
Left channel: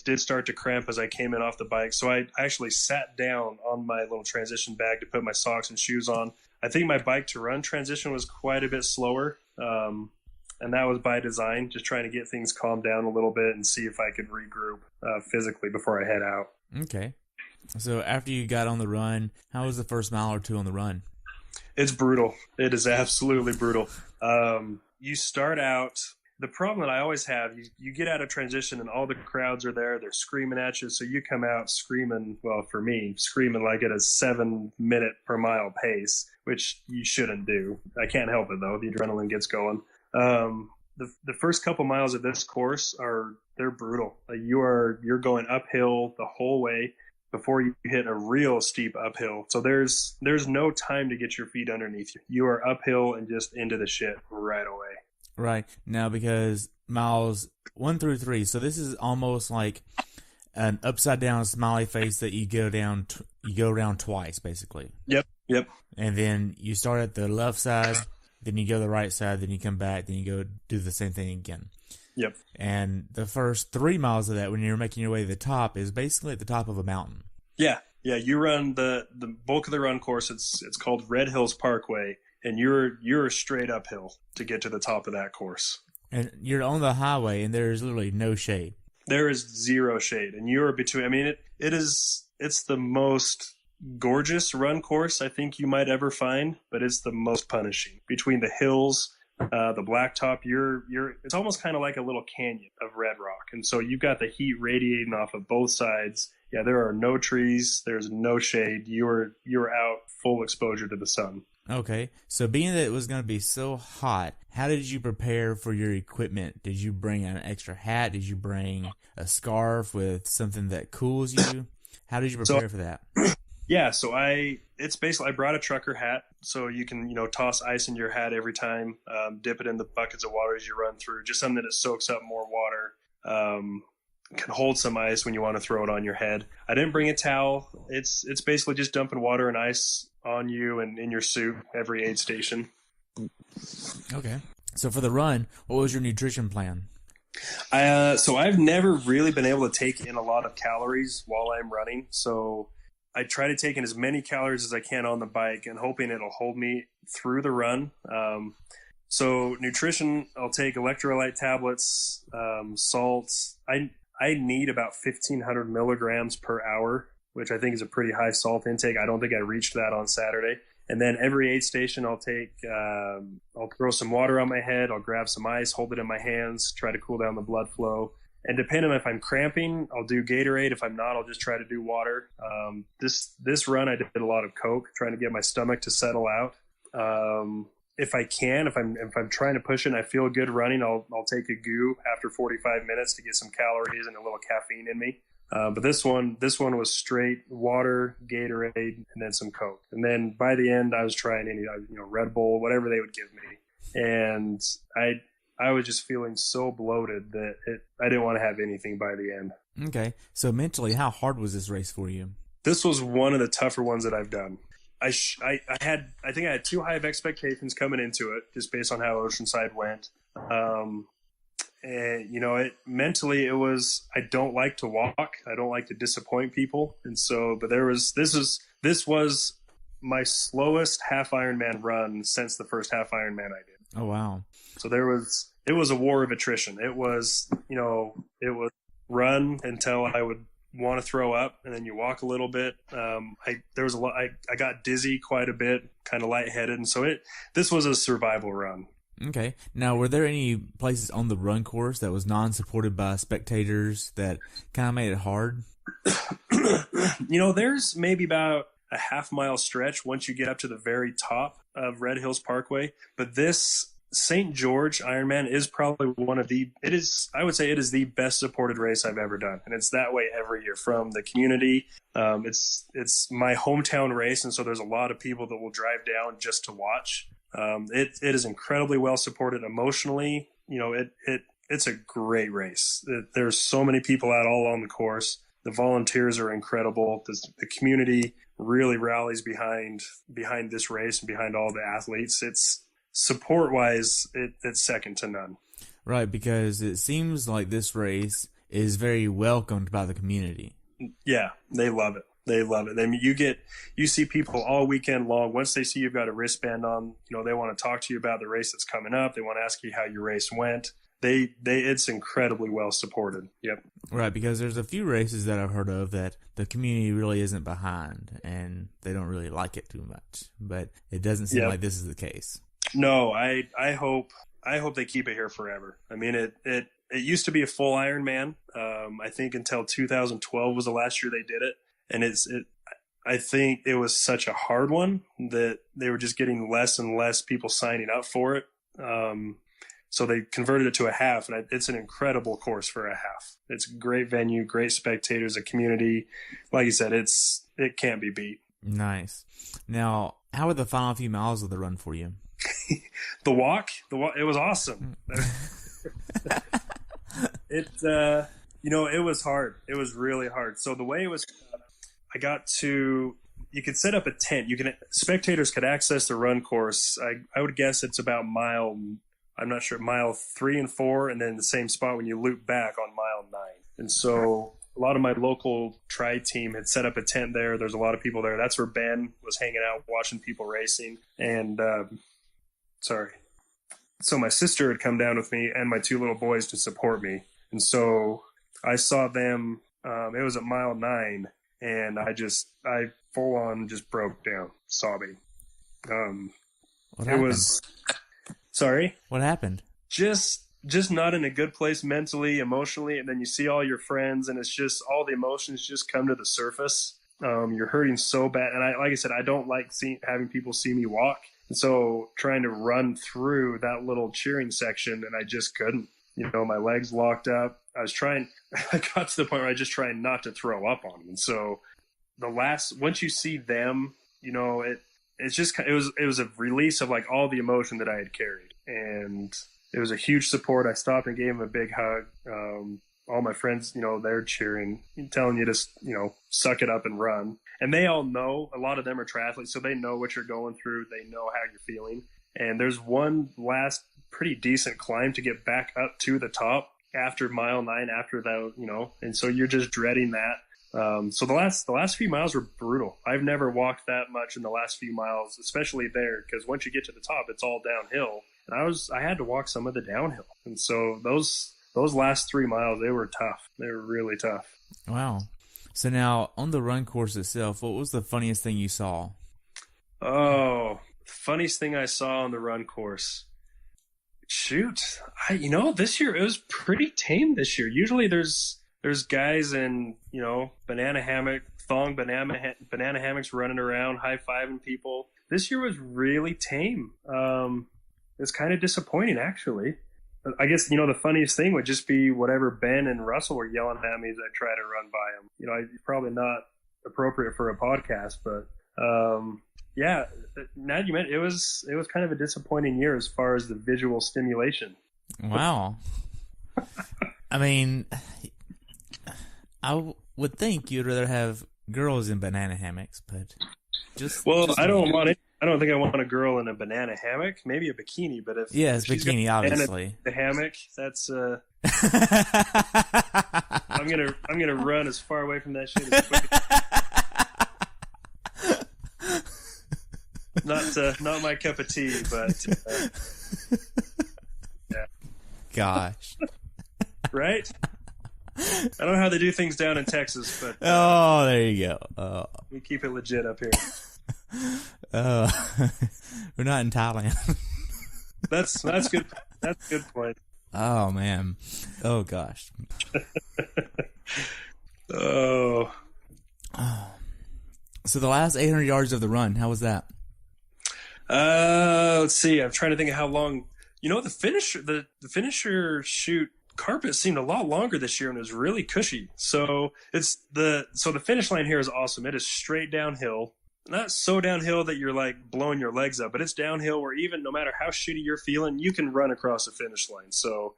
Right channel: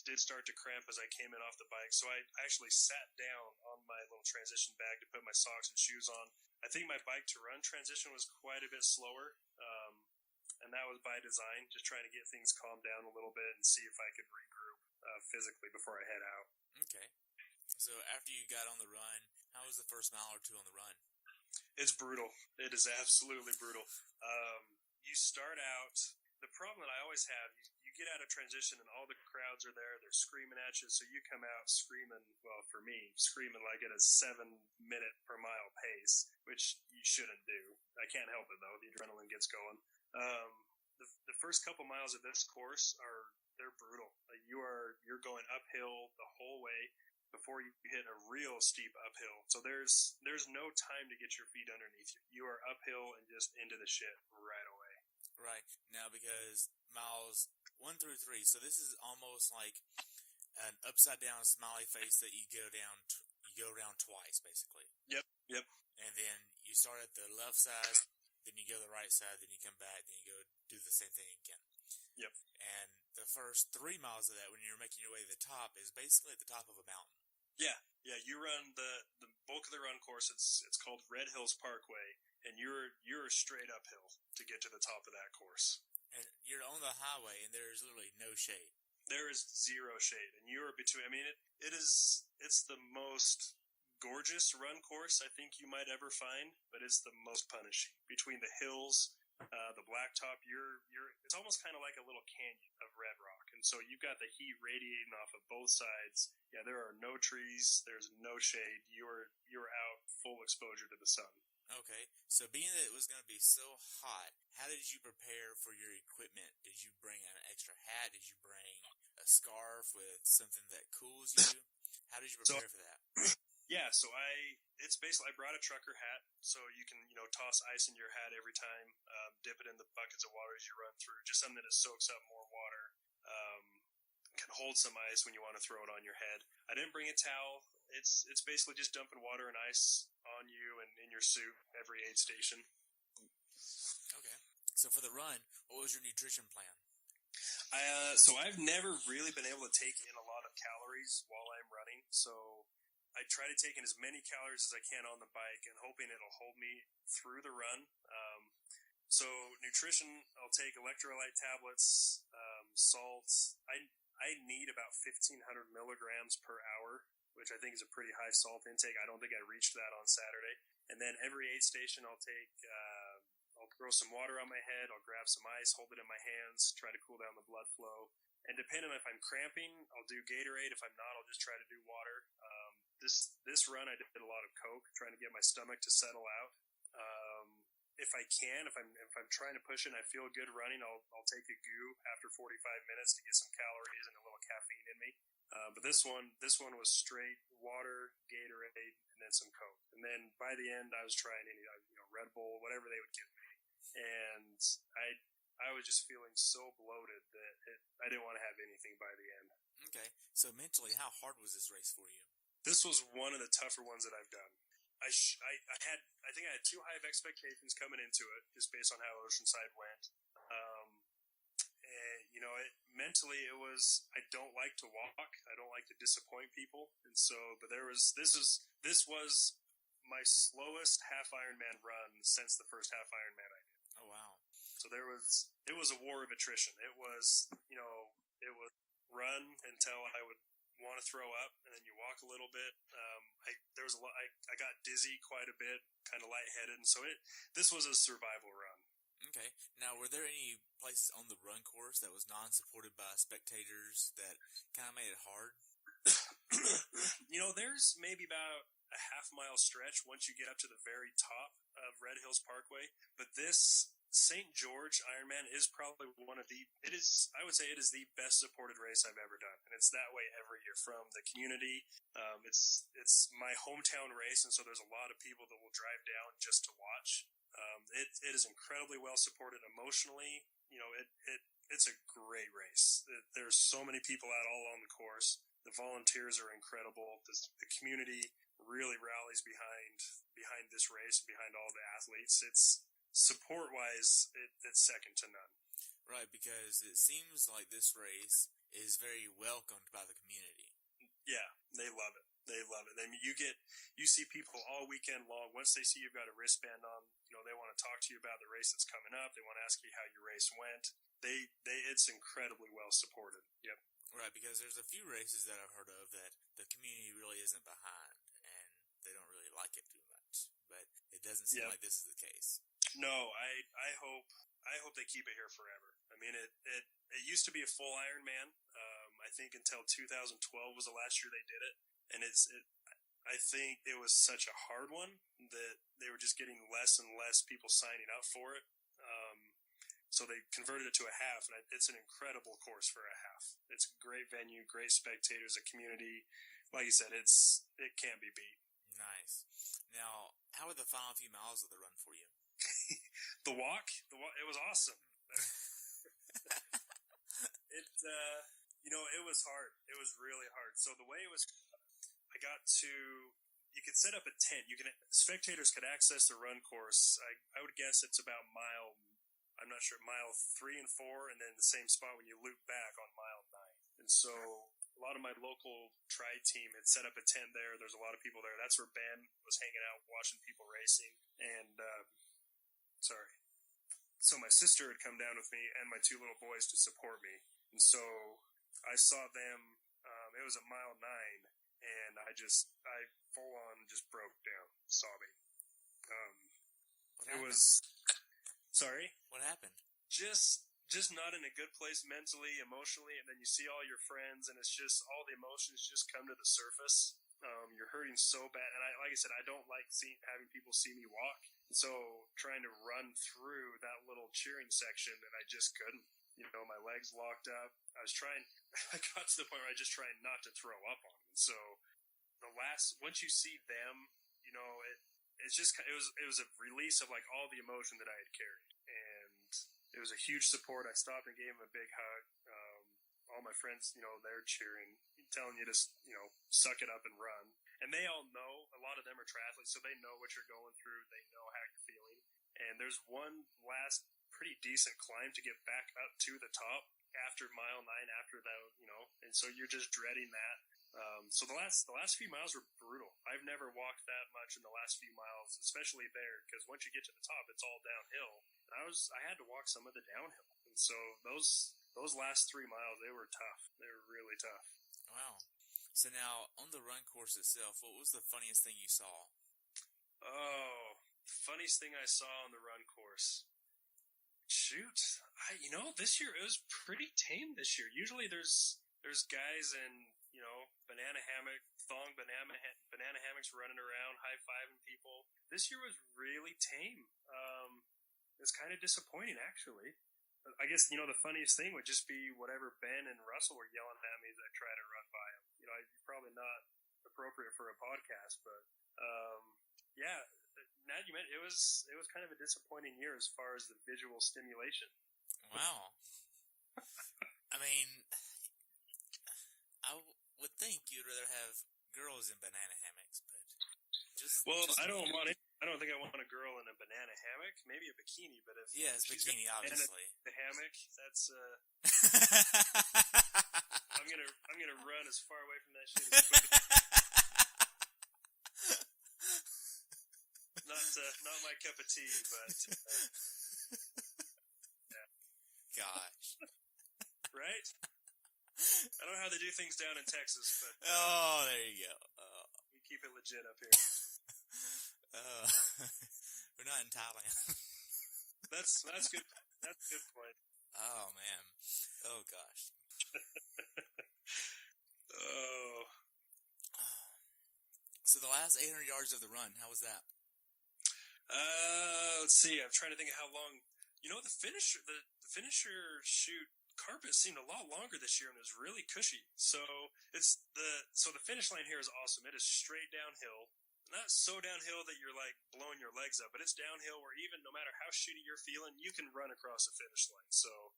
did start to cramp as I came in off the bike. So I actually sat down on my little transition bag to put my socks and shoes on. I think my bike to run transition was quite a bit slower. And that was by design, just trying to get things calmed down a little bit and see if I could regroup physically before I head out. Okay. So after you got on the run, how was the first mile or two on the run? It's brutal. It is absolutely brutal. You start out, the problem that I always have, you get out of transition and all the crowds are there. They're screaming at you. So you come out screaming, well, for me, screaming like at a 7-minute per mile pace, which you shouldn't do. I can't help it, though. The adrenaline gets going. The first couple miles of this course they're brutal. You're going uphill the whole way before you hit a real steep uphill. So there's no time to get your feet underneath you. You are uphill and just into the shit right away. Right. Now, because miles 1 through 3, so this is almost like an upside down smiley face that you go around twice, basically. Yep. And then you start at the left side, then you go to the right side, then you come back, then you go do the same thing again. Yep. And the first 3 miles of that, when you're making your way to the top, is basically at the top of a mountain. Yeah. You run the bulk of the run course. It's called Red Hills Parkway, and you're straight uphill to get to the top of that course. And you're on the highway, and there's literally no shade. There is zero shade, and you're between. I mean, it's the most gorgeous run course I think you might ever find, but it's the most punishing. Between the hills, the blacktop, it's almost kind of like a little canyon of red rock, and so you've got the heat radiating off of both sides. Yeah, there are no trees, there's no shade. You're out full exposure to the sun. Okay, so being that it was going to be so hot, how did you prepare for your equipment? Did you bring an extra hat? Did you bring a scarf with something that cools you? How did you prepare for that? Yeah, so I brought a trucker hat, so you can, toss ice in your hat every time, dip it in the buckets of water as you run through, just something that soaks up more water, can hold some ice when you want to throw it on your head. I didn't bring a towel. It's basically just dumping water and ice on you and in your suit every aid station. Okay. So for the run, what was your nutrition plan? So I've never really been able to take in a lot of calories while I'm running, so I try to take in as many calories as I can on the bike and hoping it'll hold me through the run. So nutrition, I'll take electrolyte tablets, salts. I need about 1,500 milligrams per hour, which I think is a pretty high salt intake. I don't think I reached that on Saturday. And then every aid station I'll throw some water on my head. I'll grab some ice, hold it in my hands, try to cool down the blood flow. And depending on if I'm cramping, I'll do Gatorade. If I'm not, I'll just try to do water. This run, I did a lot of Coke, trying to get my stomach to settle out. If I can, if I'm trying to push it and I feel good running, I'll take a goo after 45 minutes to get some calories and a little caffeine in me. But this one was straight water, Gatorade, and then some Coke. And then by the end, I was trying any, Red Bull, whatever they would give me. And I was just feeling so bloated that I didn't want to have anything by the end. Okay. So mentally, how hard was this race for you? This was one of the tougher ones that I've done. I think I had too high of expectations coming into it, just based on how Oceanside went. Um, and it mentally it was, I don't like to walk. I don't like to disappoint people. And so, but this was my slowest half Ironman run since the first half Ironman I did. Oh, wow. So it was a war of attrition. It was, it was run until I would want to throw up, and then you walk a little bit. There was a lot. I got dizzy quite a bit, kind of lightheaded, and so this was a survival run. Okay. Now, were there any places on the run course that was non-supported by spectators that kind of made it hard? There's maybe about a half-mile stretch once you get up to the very top of Red Hills Parkway, but this St. George Ironman is probably I would say it is the best supported race I've ever done. And it's that way every year from the community. It's my hometown race. And so there's a lot of people that will drive down just to watch. It is incredibly well supported emotionally. It's a great race. There's so many people out all along the course. The volunteers are incredible. The community really rallies behind this race and behind all the athletes. It's support wise, it's second to none. Right, because it seems like this race is very welcomed by the community. Yeah, they love it. They love it. I mean, you see people all weekend long. Once they see you've got a wristband on, they want to talk to you about the race that's coming up. They want to ask you how your race went. It's incredibly well supported. Yep. Right, because there's a few races that I've heard of that the community really isn't behind and they don't really like it too much. But it doesn't seem like this is the case. No, I hope they keep it here forever. I mean, it used to be a full Ironman. I think until 2012 was the last year they did it, and I think it was such a hard one that they were just getting less and less people signing up for it. So they converted it to a half, and it's an incredible course for a half. It's a great venue, great spectators, a community. Like you said, it can't be beat. Nice. Now, how were the final few miles of the run for you? The walk, it was awesome. It was hard. It was really hard. So the way it was, you could set up a tent. Spectators could access the run course. I would guess it's about I'm not sure, mile 3 and 4, and then the same spot when you loop back on mile 9. And so a lot of my local tri team had set up a tent there. There's a lot of people there. That's where Ben was hanging out, watching people racing. And, so my sister had come down with me and my 2 little boys to support me. And so I saw them, it was at mile 9, and I full on just broke down sobbing. What happened? Sorry? What happened? Just not in a good place mentally, emotionally, and then you see all your friends, and it's just all the emotions just come to the surface. You're hurting so bad, and like I said, I don't like having people see me walk, and so trying to run through that little cheering section, and I just couldn't. My legs locked up. I got to the point where I just tried not to throw up on them, and so once you see them, it was a release of like all the emotion that I had carried, and it was a huge support. I stopped and gave them a big hug. All my friends, they're cheering, telling you to, suck it up and run. And they all know, a lot of them are triathletes, so they know what you're going through. They know how you're feeling. And there's one last pretty decent climb to get back up to the top after mile 9, after that, and so you're just dreading that. So the last few miles were brutal. I've never walked that much in the last few miles, especially there, because once you get to the top, it's all downhill. And I had to walk some of the downhill. And so those last 3 miles, they were tough. They were really tough. Wow. So now, on the run course itself, what was the funniest thing you saw? Oh, funniest thing I saw on the run course. Shoot. This year, it was pretty tame this year. Usually there's guys in, banana hammocks running around, high-fiving people. This year was really tame. It's kind of disappointing, actually. I guess, the funniest thing would just be whatever Ben and Russell were yelling at me as I try to run by them. It's probably not appropriate for a podcast, but yeah, now you meant it was kind of a disappointing year as far as the visual stimulation. Wow. I mean, would think you'd rather have girls in banana hammocks, but Well, just I me. don't want it. I don't think I want a girl in a banana hammock. Maybe a bikini, but Yes, if she's got bikini, a banana in obviously. the hammock, that's I'm gonna run as far away from that shit as quick. Not my cup of tea, but yeah, Gosh. right. I don't know how they do things down in Texas, but Oh, there you go. we keep it legit up here. Uh, we're not in Thailand. That's good. That's a good point. Oh man. Oh gosh. Oh, So the last 800 yards of the run, how was that? let's see. I'm trying to think of how long. The finisher chute carpet seemed a lot longer this year and it was really cushy. So the finish line here is awesome. It is straight downhill. Not so downhill that you're like blowing your legs up, but it's downhill where even no matter how shitty you're feeling, you can run across the finish line. So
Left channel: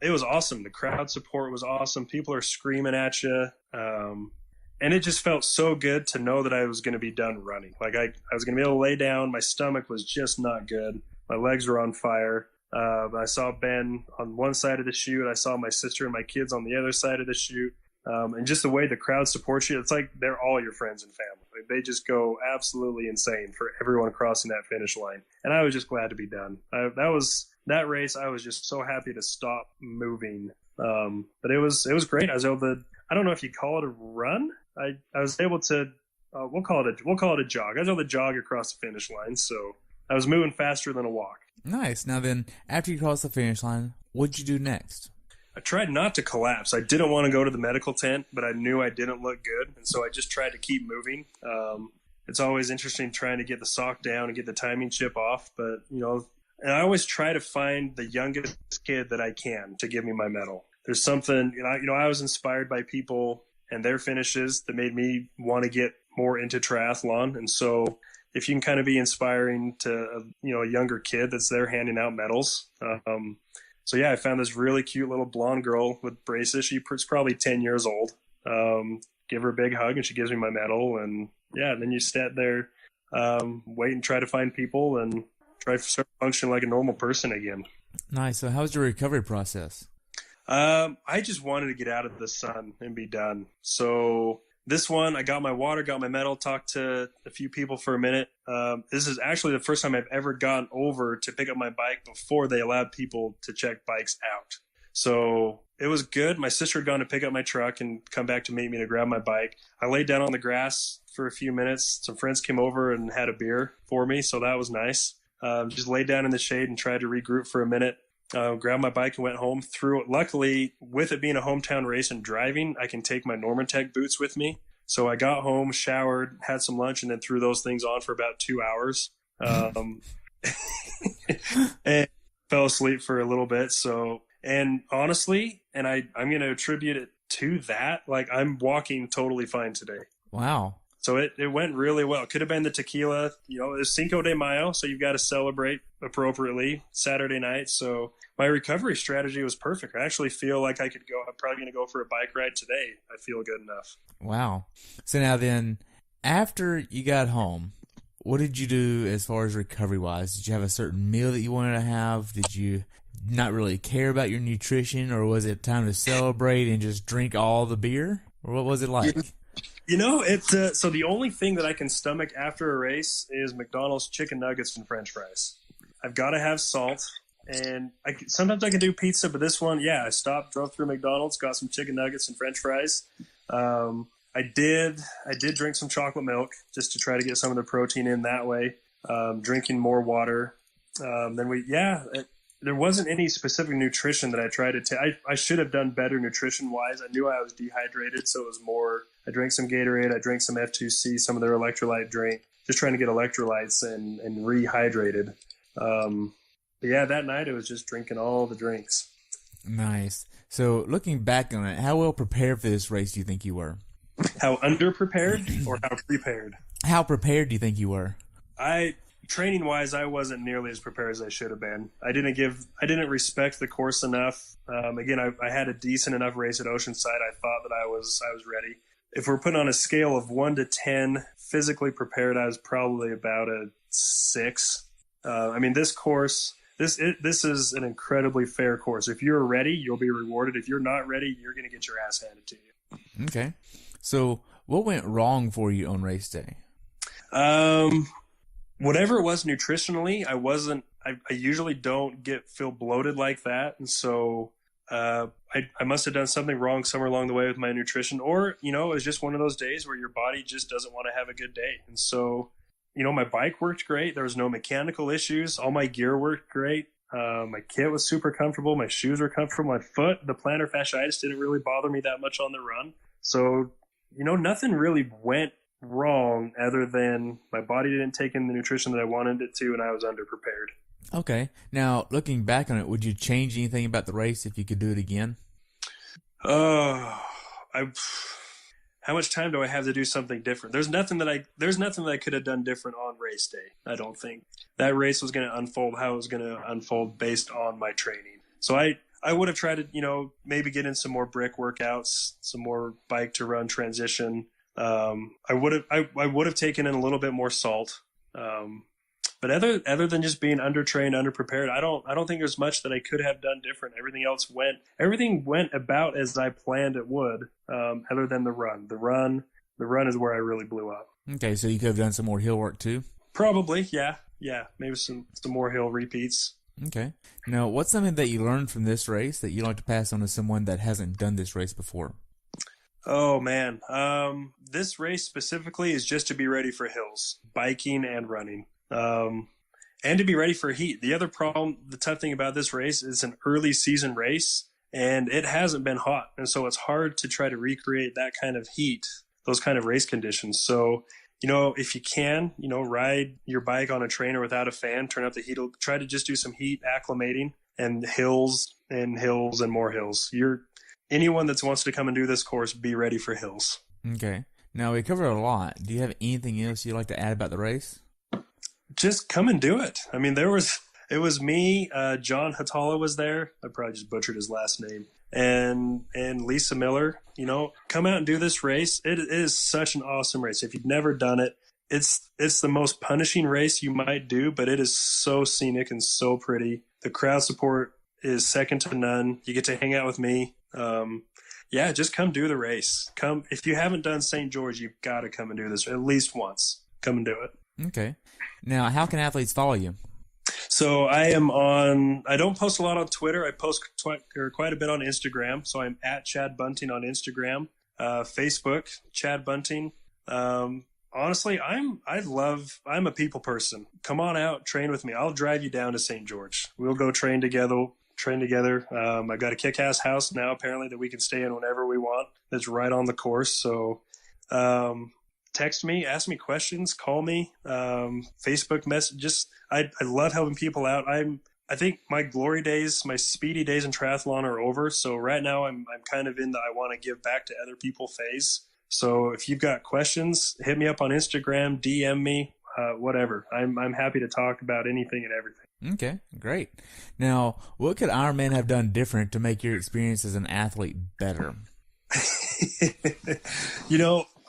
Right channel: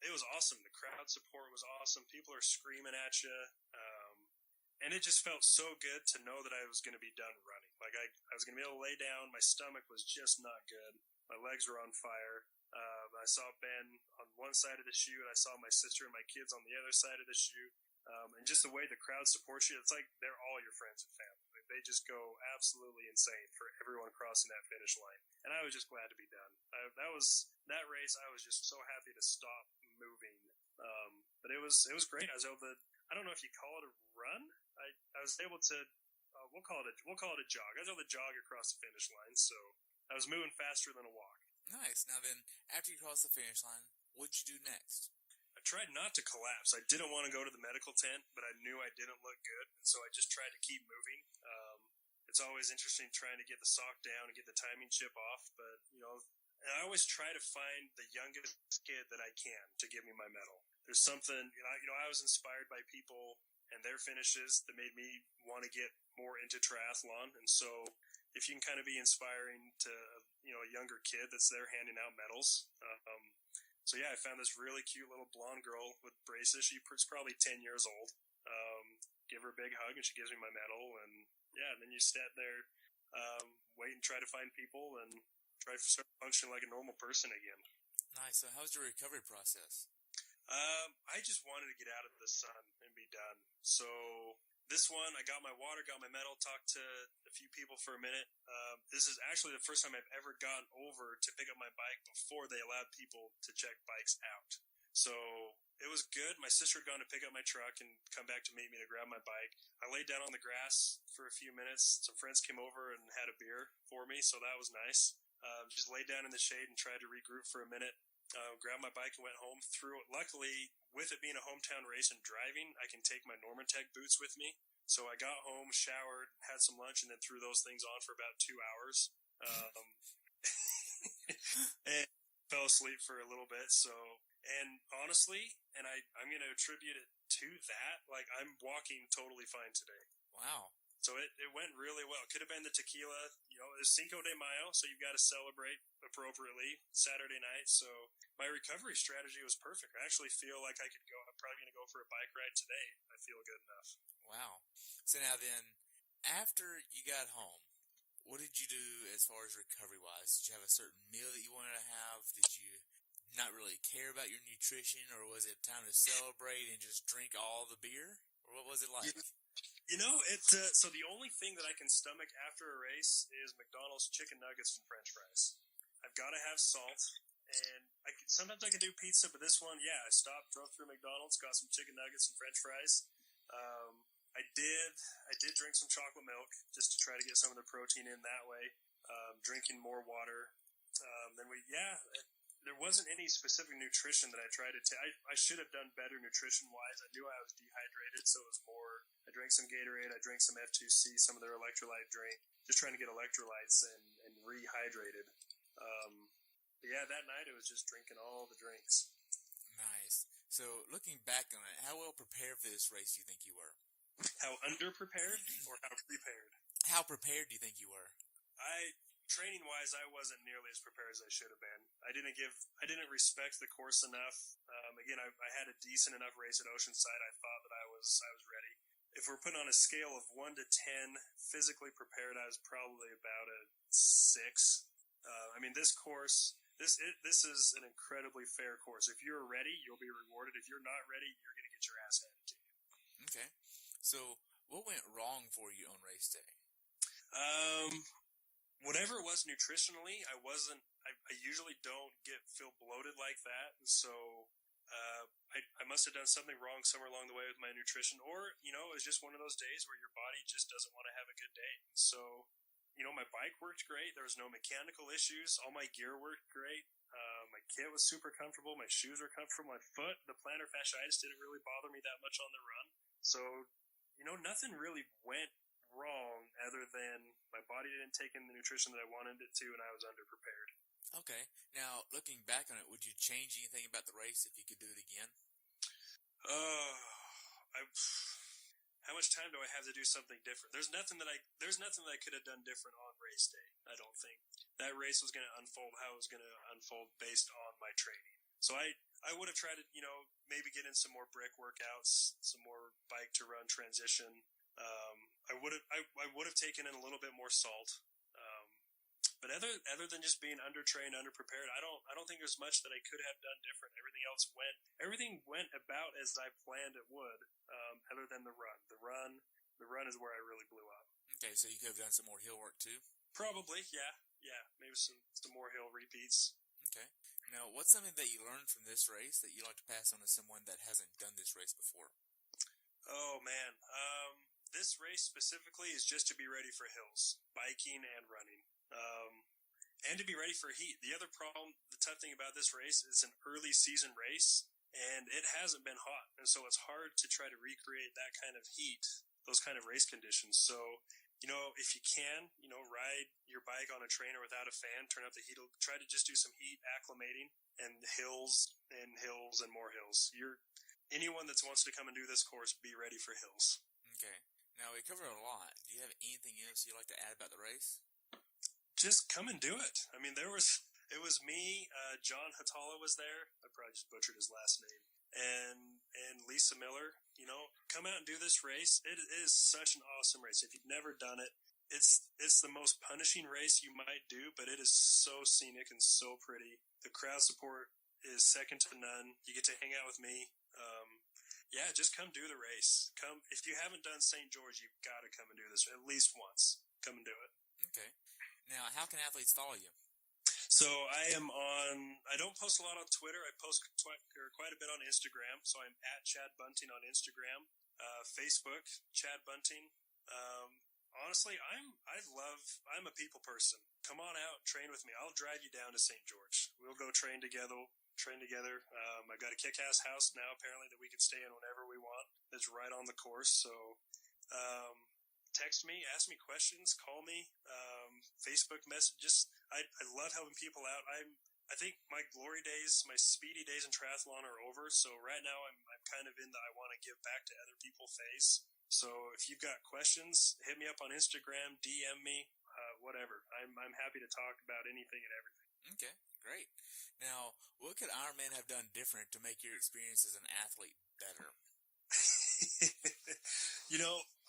it was awesome. The crowd support was awesome. People are screaming at you. And it just felt so good to know that I was going to be done running. Like I was going to be able to lay down. My stomach was just not good. My legs were on fire. I saw Ben on one side of the chute. I saw my sister and my kids on the other side of the chute. And just the way the crowd supports you, it's like they're all your friends and family. Like they just go absolutely insane for everyone crossing that finish line. And I was just glad to be done. That race. I was just so happy to stop moving. But it was great. I was able to. I don't know if you call it a run. I was able to. We'll call it a jog. I was able to jog across the finish line. So I was moving faster than a walk. Nice. Now then, after you crossed the finish line, what'd you do next? I tried not to collapse. I didn't want to go to the medical tent, but I knew I didn't look good, and so I just tried to keep moving. It's always interesting trying to get the sock down and get the timing chip off, but and I always try to find the youngest kid that I can to give me my medal. There's something, I was inspired by people and their finishes that made me want to get more into triathlon, and so if you can kind of be inspiring to a younger kid that's there handing out medals. So yeah, I found this really cute little blonde girl with braces. She's probably 10 years old. Give her a big hug and she gives me my medal. And yeah, and then you stand there, wait and try to find people and try to start functioning like a normal person again. Nice. So how was your recovery process? I just wanted to get out of the sun and be done. So this one, I got my water, got my medal, talked to a few people for a minute. This is actually the first time I've ever gone over to pick up my bike before they allowed people to check bikes out. So it was good. My sister had gone to pick up my truck and come back to meet me to grab my bike. I laid down on the grass for a few minutes. Some friends came over and had a beer for me, so that was nice. Just laid down in the shade and tried to regroup for a minute. Grabbed my bike and went home through it. Luckily, with it being a hometown race and driving, I can take my Normatec boots with me. So I got home, showered, had some lunch, and then threw those things on for about 2 hours. And fell asleep for a little bit. So, and honestly, and I'm going to attribute it to that. Like I'm walking totally fine today. Wow. So it went really well. It could have been the tequila, it was Cinco de Mayo, so you've got to celebrate appropriately Saturday night. So my recovery strategy was perfect. I actually feel like I could go. I'm probably going to go for a bike ride today. I feel good enough. Wow. So now then, after you got home, what did you do as far as recovery-wise? Did you have a certain meal that you wanted to have? Did you not really care about your nutrition, or was it time to celebrate and just drink all the beer? Or what was it like? It's so the only thing that I can stomach after a race is McDonald's chicken nuggets and French fries. I've got to have salt, and sometimes I can do pizza, but this one, I stopped, drove through McDonald's, got some chicken nuggets and French fries. I did drink some chocolate milk just to try to get some of the protein in that way. Drinking more water. There wasn't any specific nutrition that I tried to take. I should have done better nutrition-wise. I knew I was dehydrated, so it was more, I drank some Gatorade, I drank some F2C, some of their electrolyte drink, just trying to get electrolytes and rehydrated. That night it was just drinking all the drinks. Nice. So looking back on it, how well prepared for this race do you think you were? How underprepared or how prepared? How prepared do you think you were? training wise, I wasn't nearly as prepared as I should have been. I didn't respect the course enough. Again, I had a decent enough race at Oceanside. I thought that I was ready. If we're putting on a scale of 1 to 10, physically prepared, I was probably about a 6. I mean, this course, this is an incredibly fair course. If you're ready, you'll be rewarded. If you're not ready, you're going to get your ass handed to you. Okay. So what went wrong for you on race day? Whatever it was nutritionally, I usually don't feel bloated like that. And so, I must have done something wrong somewhere along the way with my nutrition, or, it was just one of those days where your body just doesn't want to have a good day. And so, my bike worked great. There was no mechanical issues. All my gear worked great. My kit was super comfortable. My shoes were comfortable. My foot, the plantar fasciitis didn't really bother me that much on the run. So, nothing really went wrong other than my body didn't take in the nutrition that I wanted it to, and I was underprepared. Okay. Now, looking back on it, would you change anything about the race if you could do it again? How much time do I have to do something different? There's nothing that I could have done different on race day. I don't think that race was going to unfold how it was going to unfold based on my training. So I would have tried to, maybe get in some more brick workouts, some more bike to run transition. I would have taken in a little bit more salt. But other than just being undertrained, underprepared, I don't think there's much that I could have done different. Everything went about as I planned it would, other than the run. The run is where I really blew up. Okay, so you could have done some more hill work too? Probably, yeah. Maybe some more hill repeats. Okay. Now, what's something that you learned from this race that you'd like to pass on to someone that hasn't done this race before? Oh man, this race specifically is just to be ready for hills, biking and running. And to be ready for heat. The tough thing about this race is an early season race, and it hasn't been hot. And so it's hard to try to recreate that kind of heat, those kind of race conditions. So, if you can, ride your bike on a trainer without a fan, turn up the heat, try to just do some heat acclimating, and hills and hills and more hills. Anyone that wants to come and do this course, be ready for hills. Okay. Now, we covered a lot. Do you have anything else you'd like to add about the race? Just come and do it. I mean, it was me, John Hatala was there. I probably just butchered his last name. And Lisa Miller, come out and do this race. It is such an awesome race. If you've never done it, it's the most punishing race you might do, but it is so scenic and so pretty. The crowd support is second to none. You get to hang out with me. Just come do the race. Come, if you haven't done St. George, you've got to come and do this at least once. Come and do it. Okay. Now, how can athletes follow you? So I don't post a lot on Twitter. I post quite a bit on Instagram. So I'm at Chad Bunting on Instagram, Facebook, Chad Bunting. Honestly, I'm a people person. Come on out, train with me. I'll drive you down to St. George. We'll go train together. I've got a kick-ass house now, apparently, that we can stay in whenever we want. That's right on the course. So, text me, ask me questions, call me, Facebook message. I love helping people out. I think my glory days, my speedy days in triathlon are over. So right now I'm kind of in the I want to give back to other people phase. So if you've got questions, hit me up on Instagram, DM me, whatever. I'm happy to talk about anything and everything. Okay, great. Now, what could Ironman have done different to make your experience as an athlete better?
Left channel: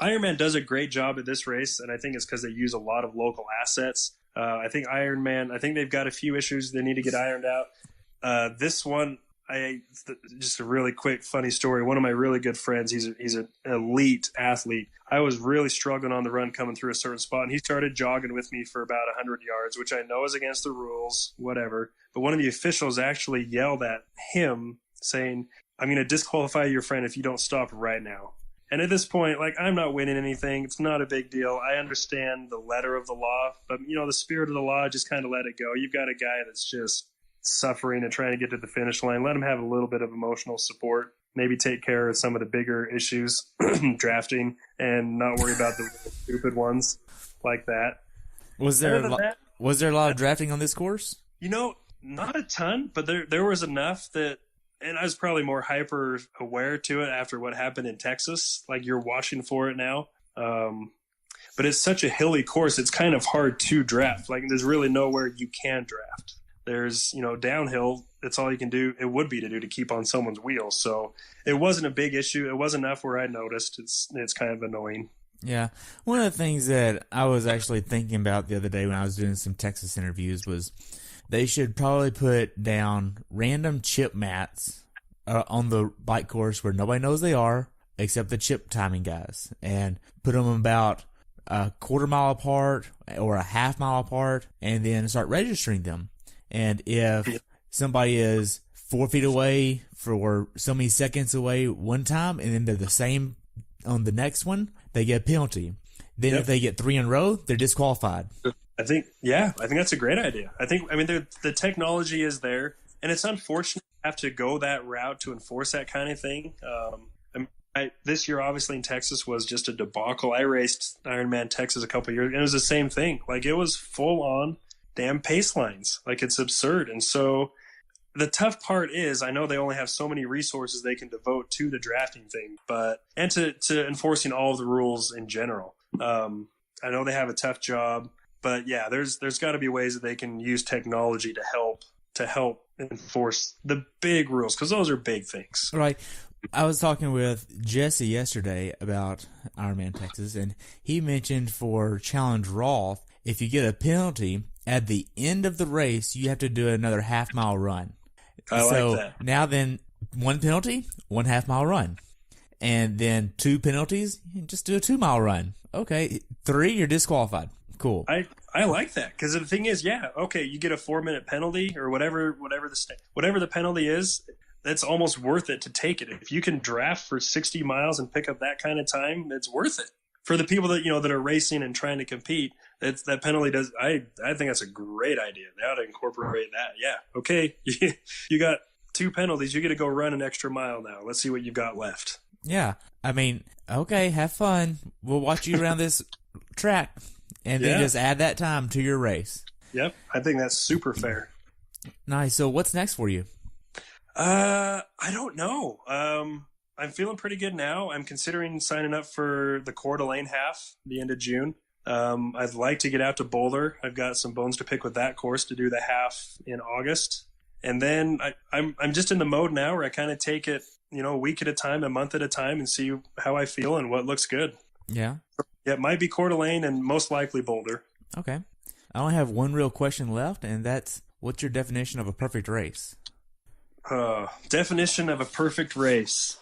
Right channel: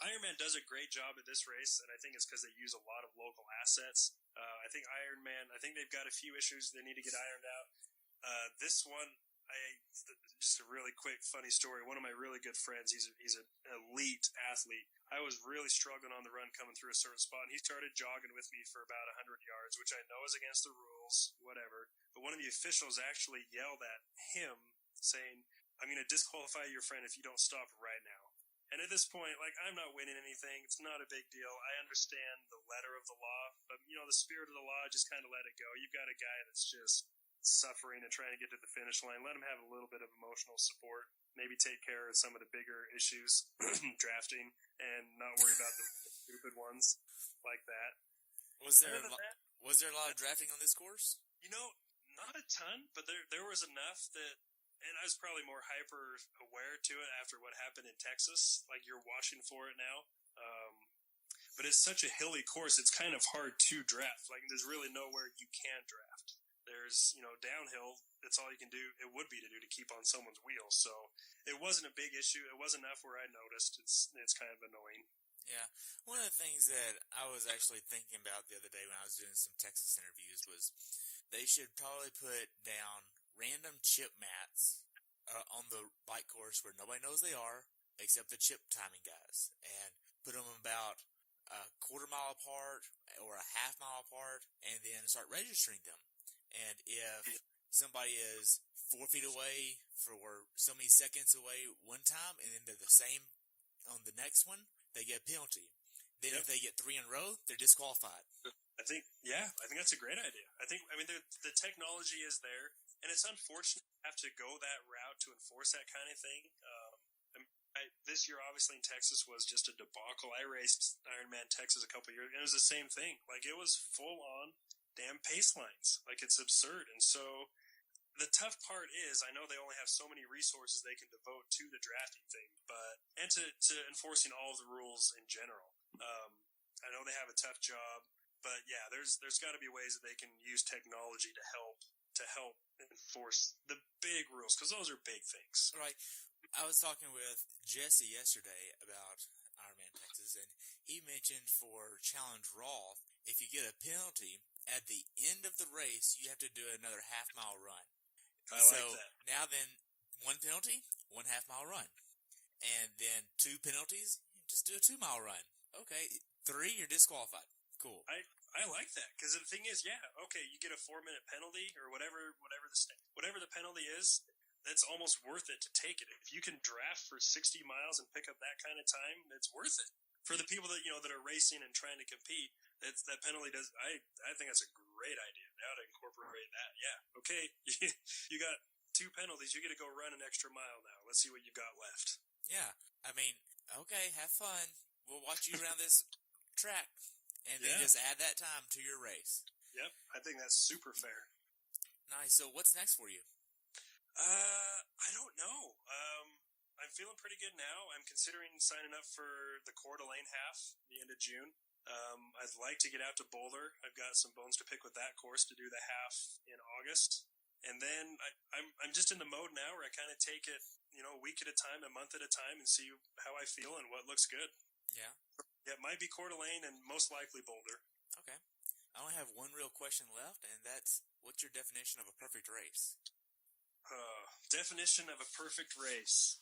Ironman does a great job at this race, and I think it's because they use a lot of local assets. I think they've got a few issues they need to get ironed out. This one, just a really quick funny story. One of my really good friends, he's an elite athlete. I was really struggling on the run coming through a certain spot, and he started jogging with me for about 100 yards, which I know is against the rules, whatever. But one of the officials actually yelled at him saying, "I'm going to disqualify your friend if you don't stop right now." And at this point, I'm not winning anything. It's not a big deal. I understand the letter of the law, but, the spirit of the law, just kind of let it go. You've got a guy that's just suffering and trying to get to the finish line. Let him have a little bit of emotional support. Maybe take care of some of the bigger issues, drafting, and not worry about the stupid ones like that. Was there a lot of drafting on this course? Not a ton, but there was enough that. And I was probably more hyper aware to it after what happened in Texas. You're watching for it now. But but it's such a hilly course. It's kind of hard to draft. Like there's really nowhere you can draft. There's, downhill. It's all you can do. It would be to keep on someone's wheels. So it wasn't a big issue. It wasn't enough where I noticed. It's kind of annoying. Yeah. One of the things that I was actually thinking about the other day when I was doing some Texas interviews was they should probably put down random chip mats on the bike course where nobody knows they are except the chip timing guys, and put them about a quarter mile apart or a half mile apart, and then start registering them. And if somebody is 4 feet away for so many seconds away one time, and then they're the same on the next one, they get a penalty. Then if they get 3 in a row, they're disqualified. I think that's a great idea. The technology is there, and it's unfortunate to have to go that route to enforce that kind of thing. This year, obviously, in Texas was just a debacle. I raced Ironman Texas a couple of years ago, and it was the same thing. Like, it was full on damn pace lines. Like, it's absurd. And so the tough part is, I know they only have so many resources they can devote to the drafting thing, and to enforcing all of the rules in general. I know they have a tough job, but yeah, there's got to be ways that they can use technology to help enforce the big rules, because those are big things. Right. I was talking with Jesse yesterday about Ironman Texas, and he mentioned for Challenge Roth, if you get a penalty at the end of the race, you have to do another half-mile run. I like that. Now then, 1 penalty, 1 half-mile run. And then 2 penalties, just do a 2-mile run. Okay, 3, you're disqualified. Cool. I like that, because the thing is, you get a 4-minute penalty or whatever the penalty is. That's almost worth it to take it. If you can draft for 60 miles and pick up that kind of time, it's worth it. For the people that that are racing and trying to compete, that penalty does. I think that's a great idea. They ought to incorporate that. Yeah. Okay. You got 2 penalties. You get to go run an extra mile now. Let's see what you've got left. Yeah. Okay, have fun. We'll watch you around this track, and then just add that time to your race. Yep. I think that's super fair. Nice. So what's next for you? I don't know. I'm feeling pretty good now. I'm considering signing up for the Coeur d'Alene half the end of June. I'd like to get out to Boulder. I've got some bones to pick with that course to do the half in August. And then I'm just in the mode now where I kind of take it, a week at a time, a month at a time, and see how I feel and what looks good. Yeah. Yeah, it might be Coeur d'Alene and most likely Boulder. Okay. I only have one real question left, and that's, what's your definition of a perfect race? Definition of a perfect race.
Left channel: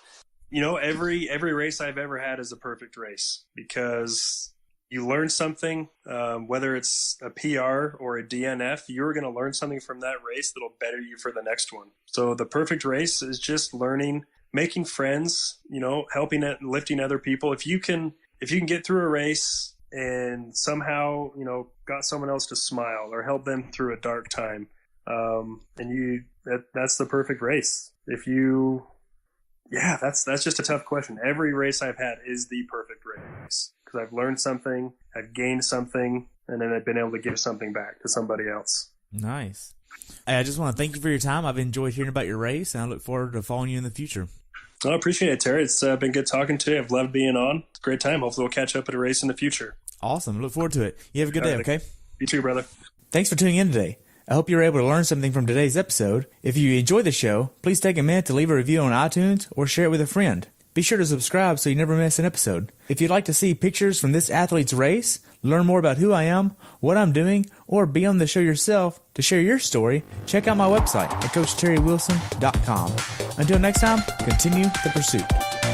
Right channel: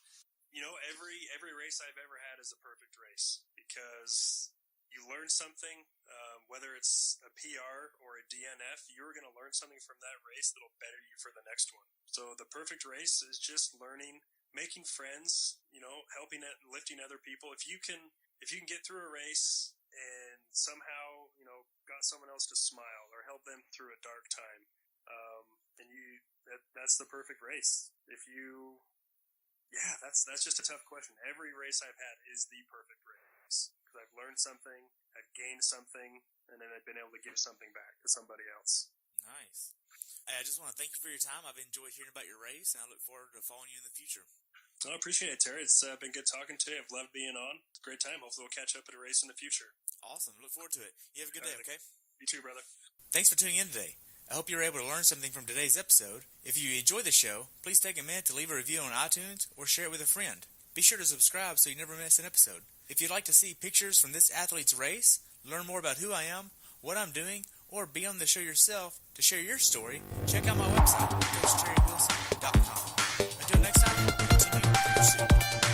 Every race I've ever had is a perfect race, because you learn something, whether it's a PR or a DNF, you're going to learn something from that race that'll better you for the next one. So the perfect race is just learning, making friends, helping it, lifting other people. If you can get through a race and somehow, got someone else to smile or help them through a dark time, that's the perfect race. That's just a tough question. Every race I've had is the perfect race, because I've learned something, I've gained something, and then I've been able to give something back to somebody else. Nice. I just want to thank you for your time. I've enjoyed hearing about your race, and I look forward to following you in the future. I appreciate it, Terry. It's been good talking to you. I've loved being on. It's a great time. Hopefully we'll catch up at a race in the future. Awesome. Look forward to it. You have a good day, okay? You too, brother. Thanks for tuning in today. I hope you were able to learn something from today's episode. If you enjoyed the show, please take a minute to leave a review on iTunes or share it with a friend. Be sure to subscribe so you never miss an episode. If you'd like to see pictures from this athlete's race, learn more about who I am, what I'm doing, or be on the show yourself to share your story, check out my website at CoachTerryWilson.com. Until next time, continue the pursuit.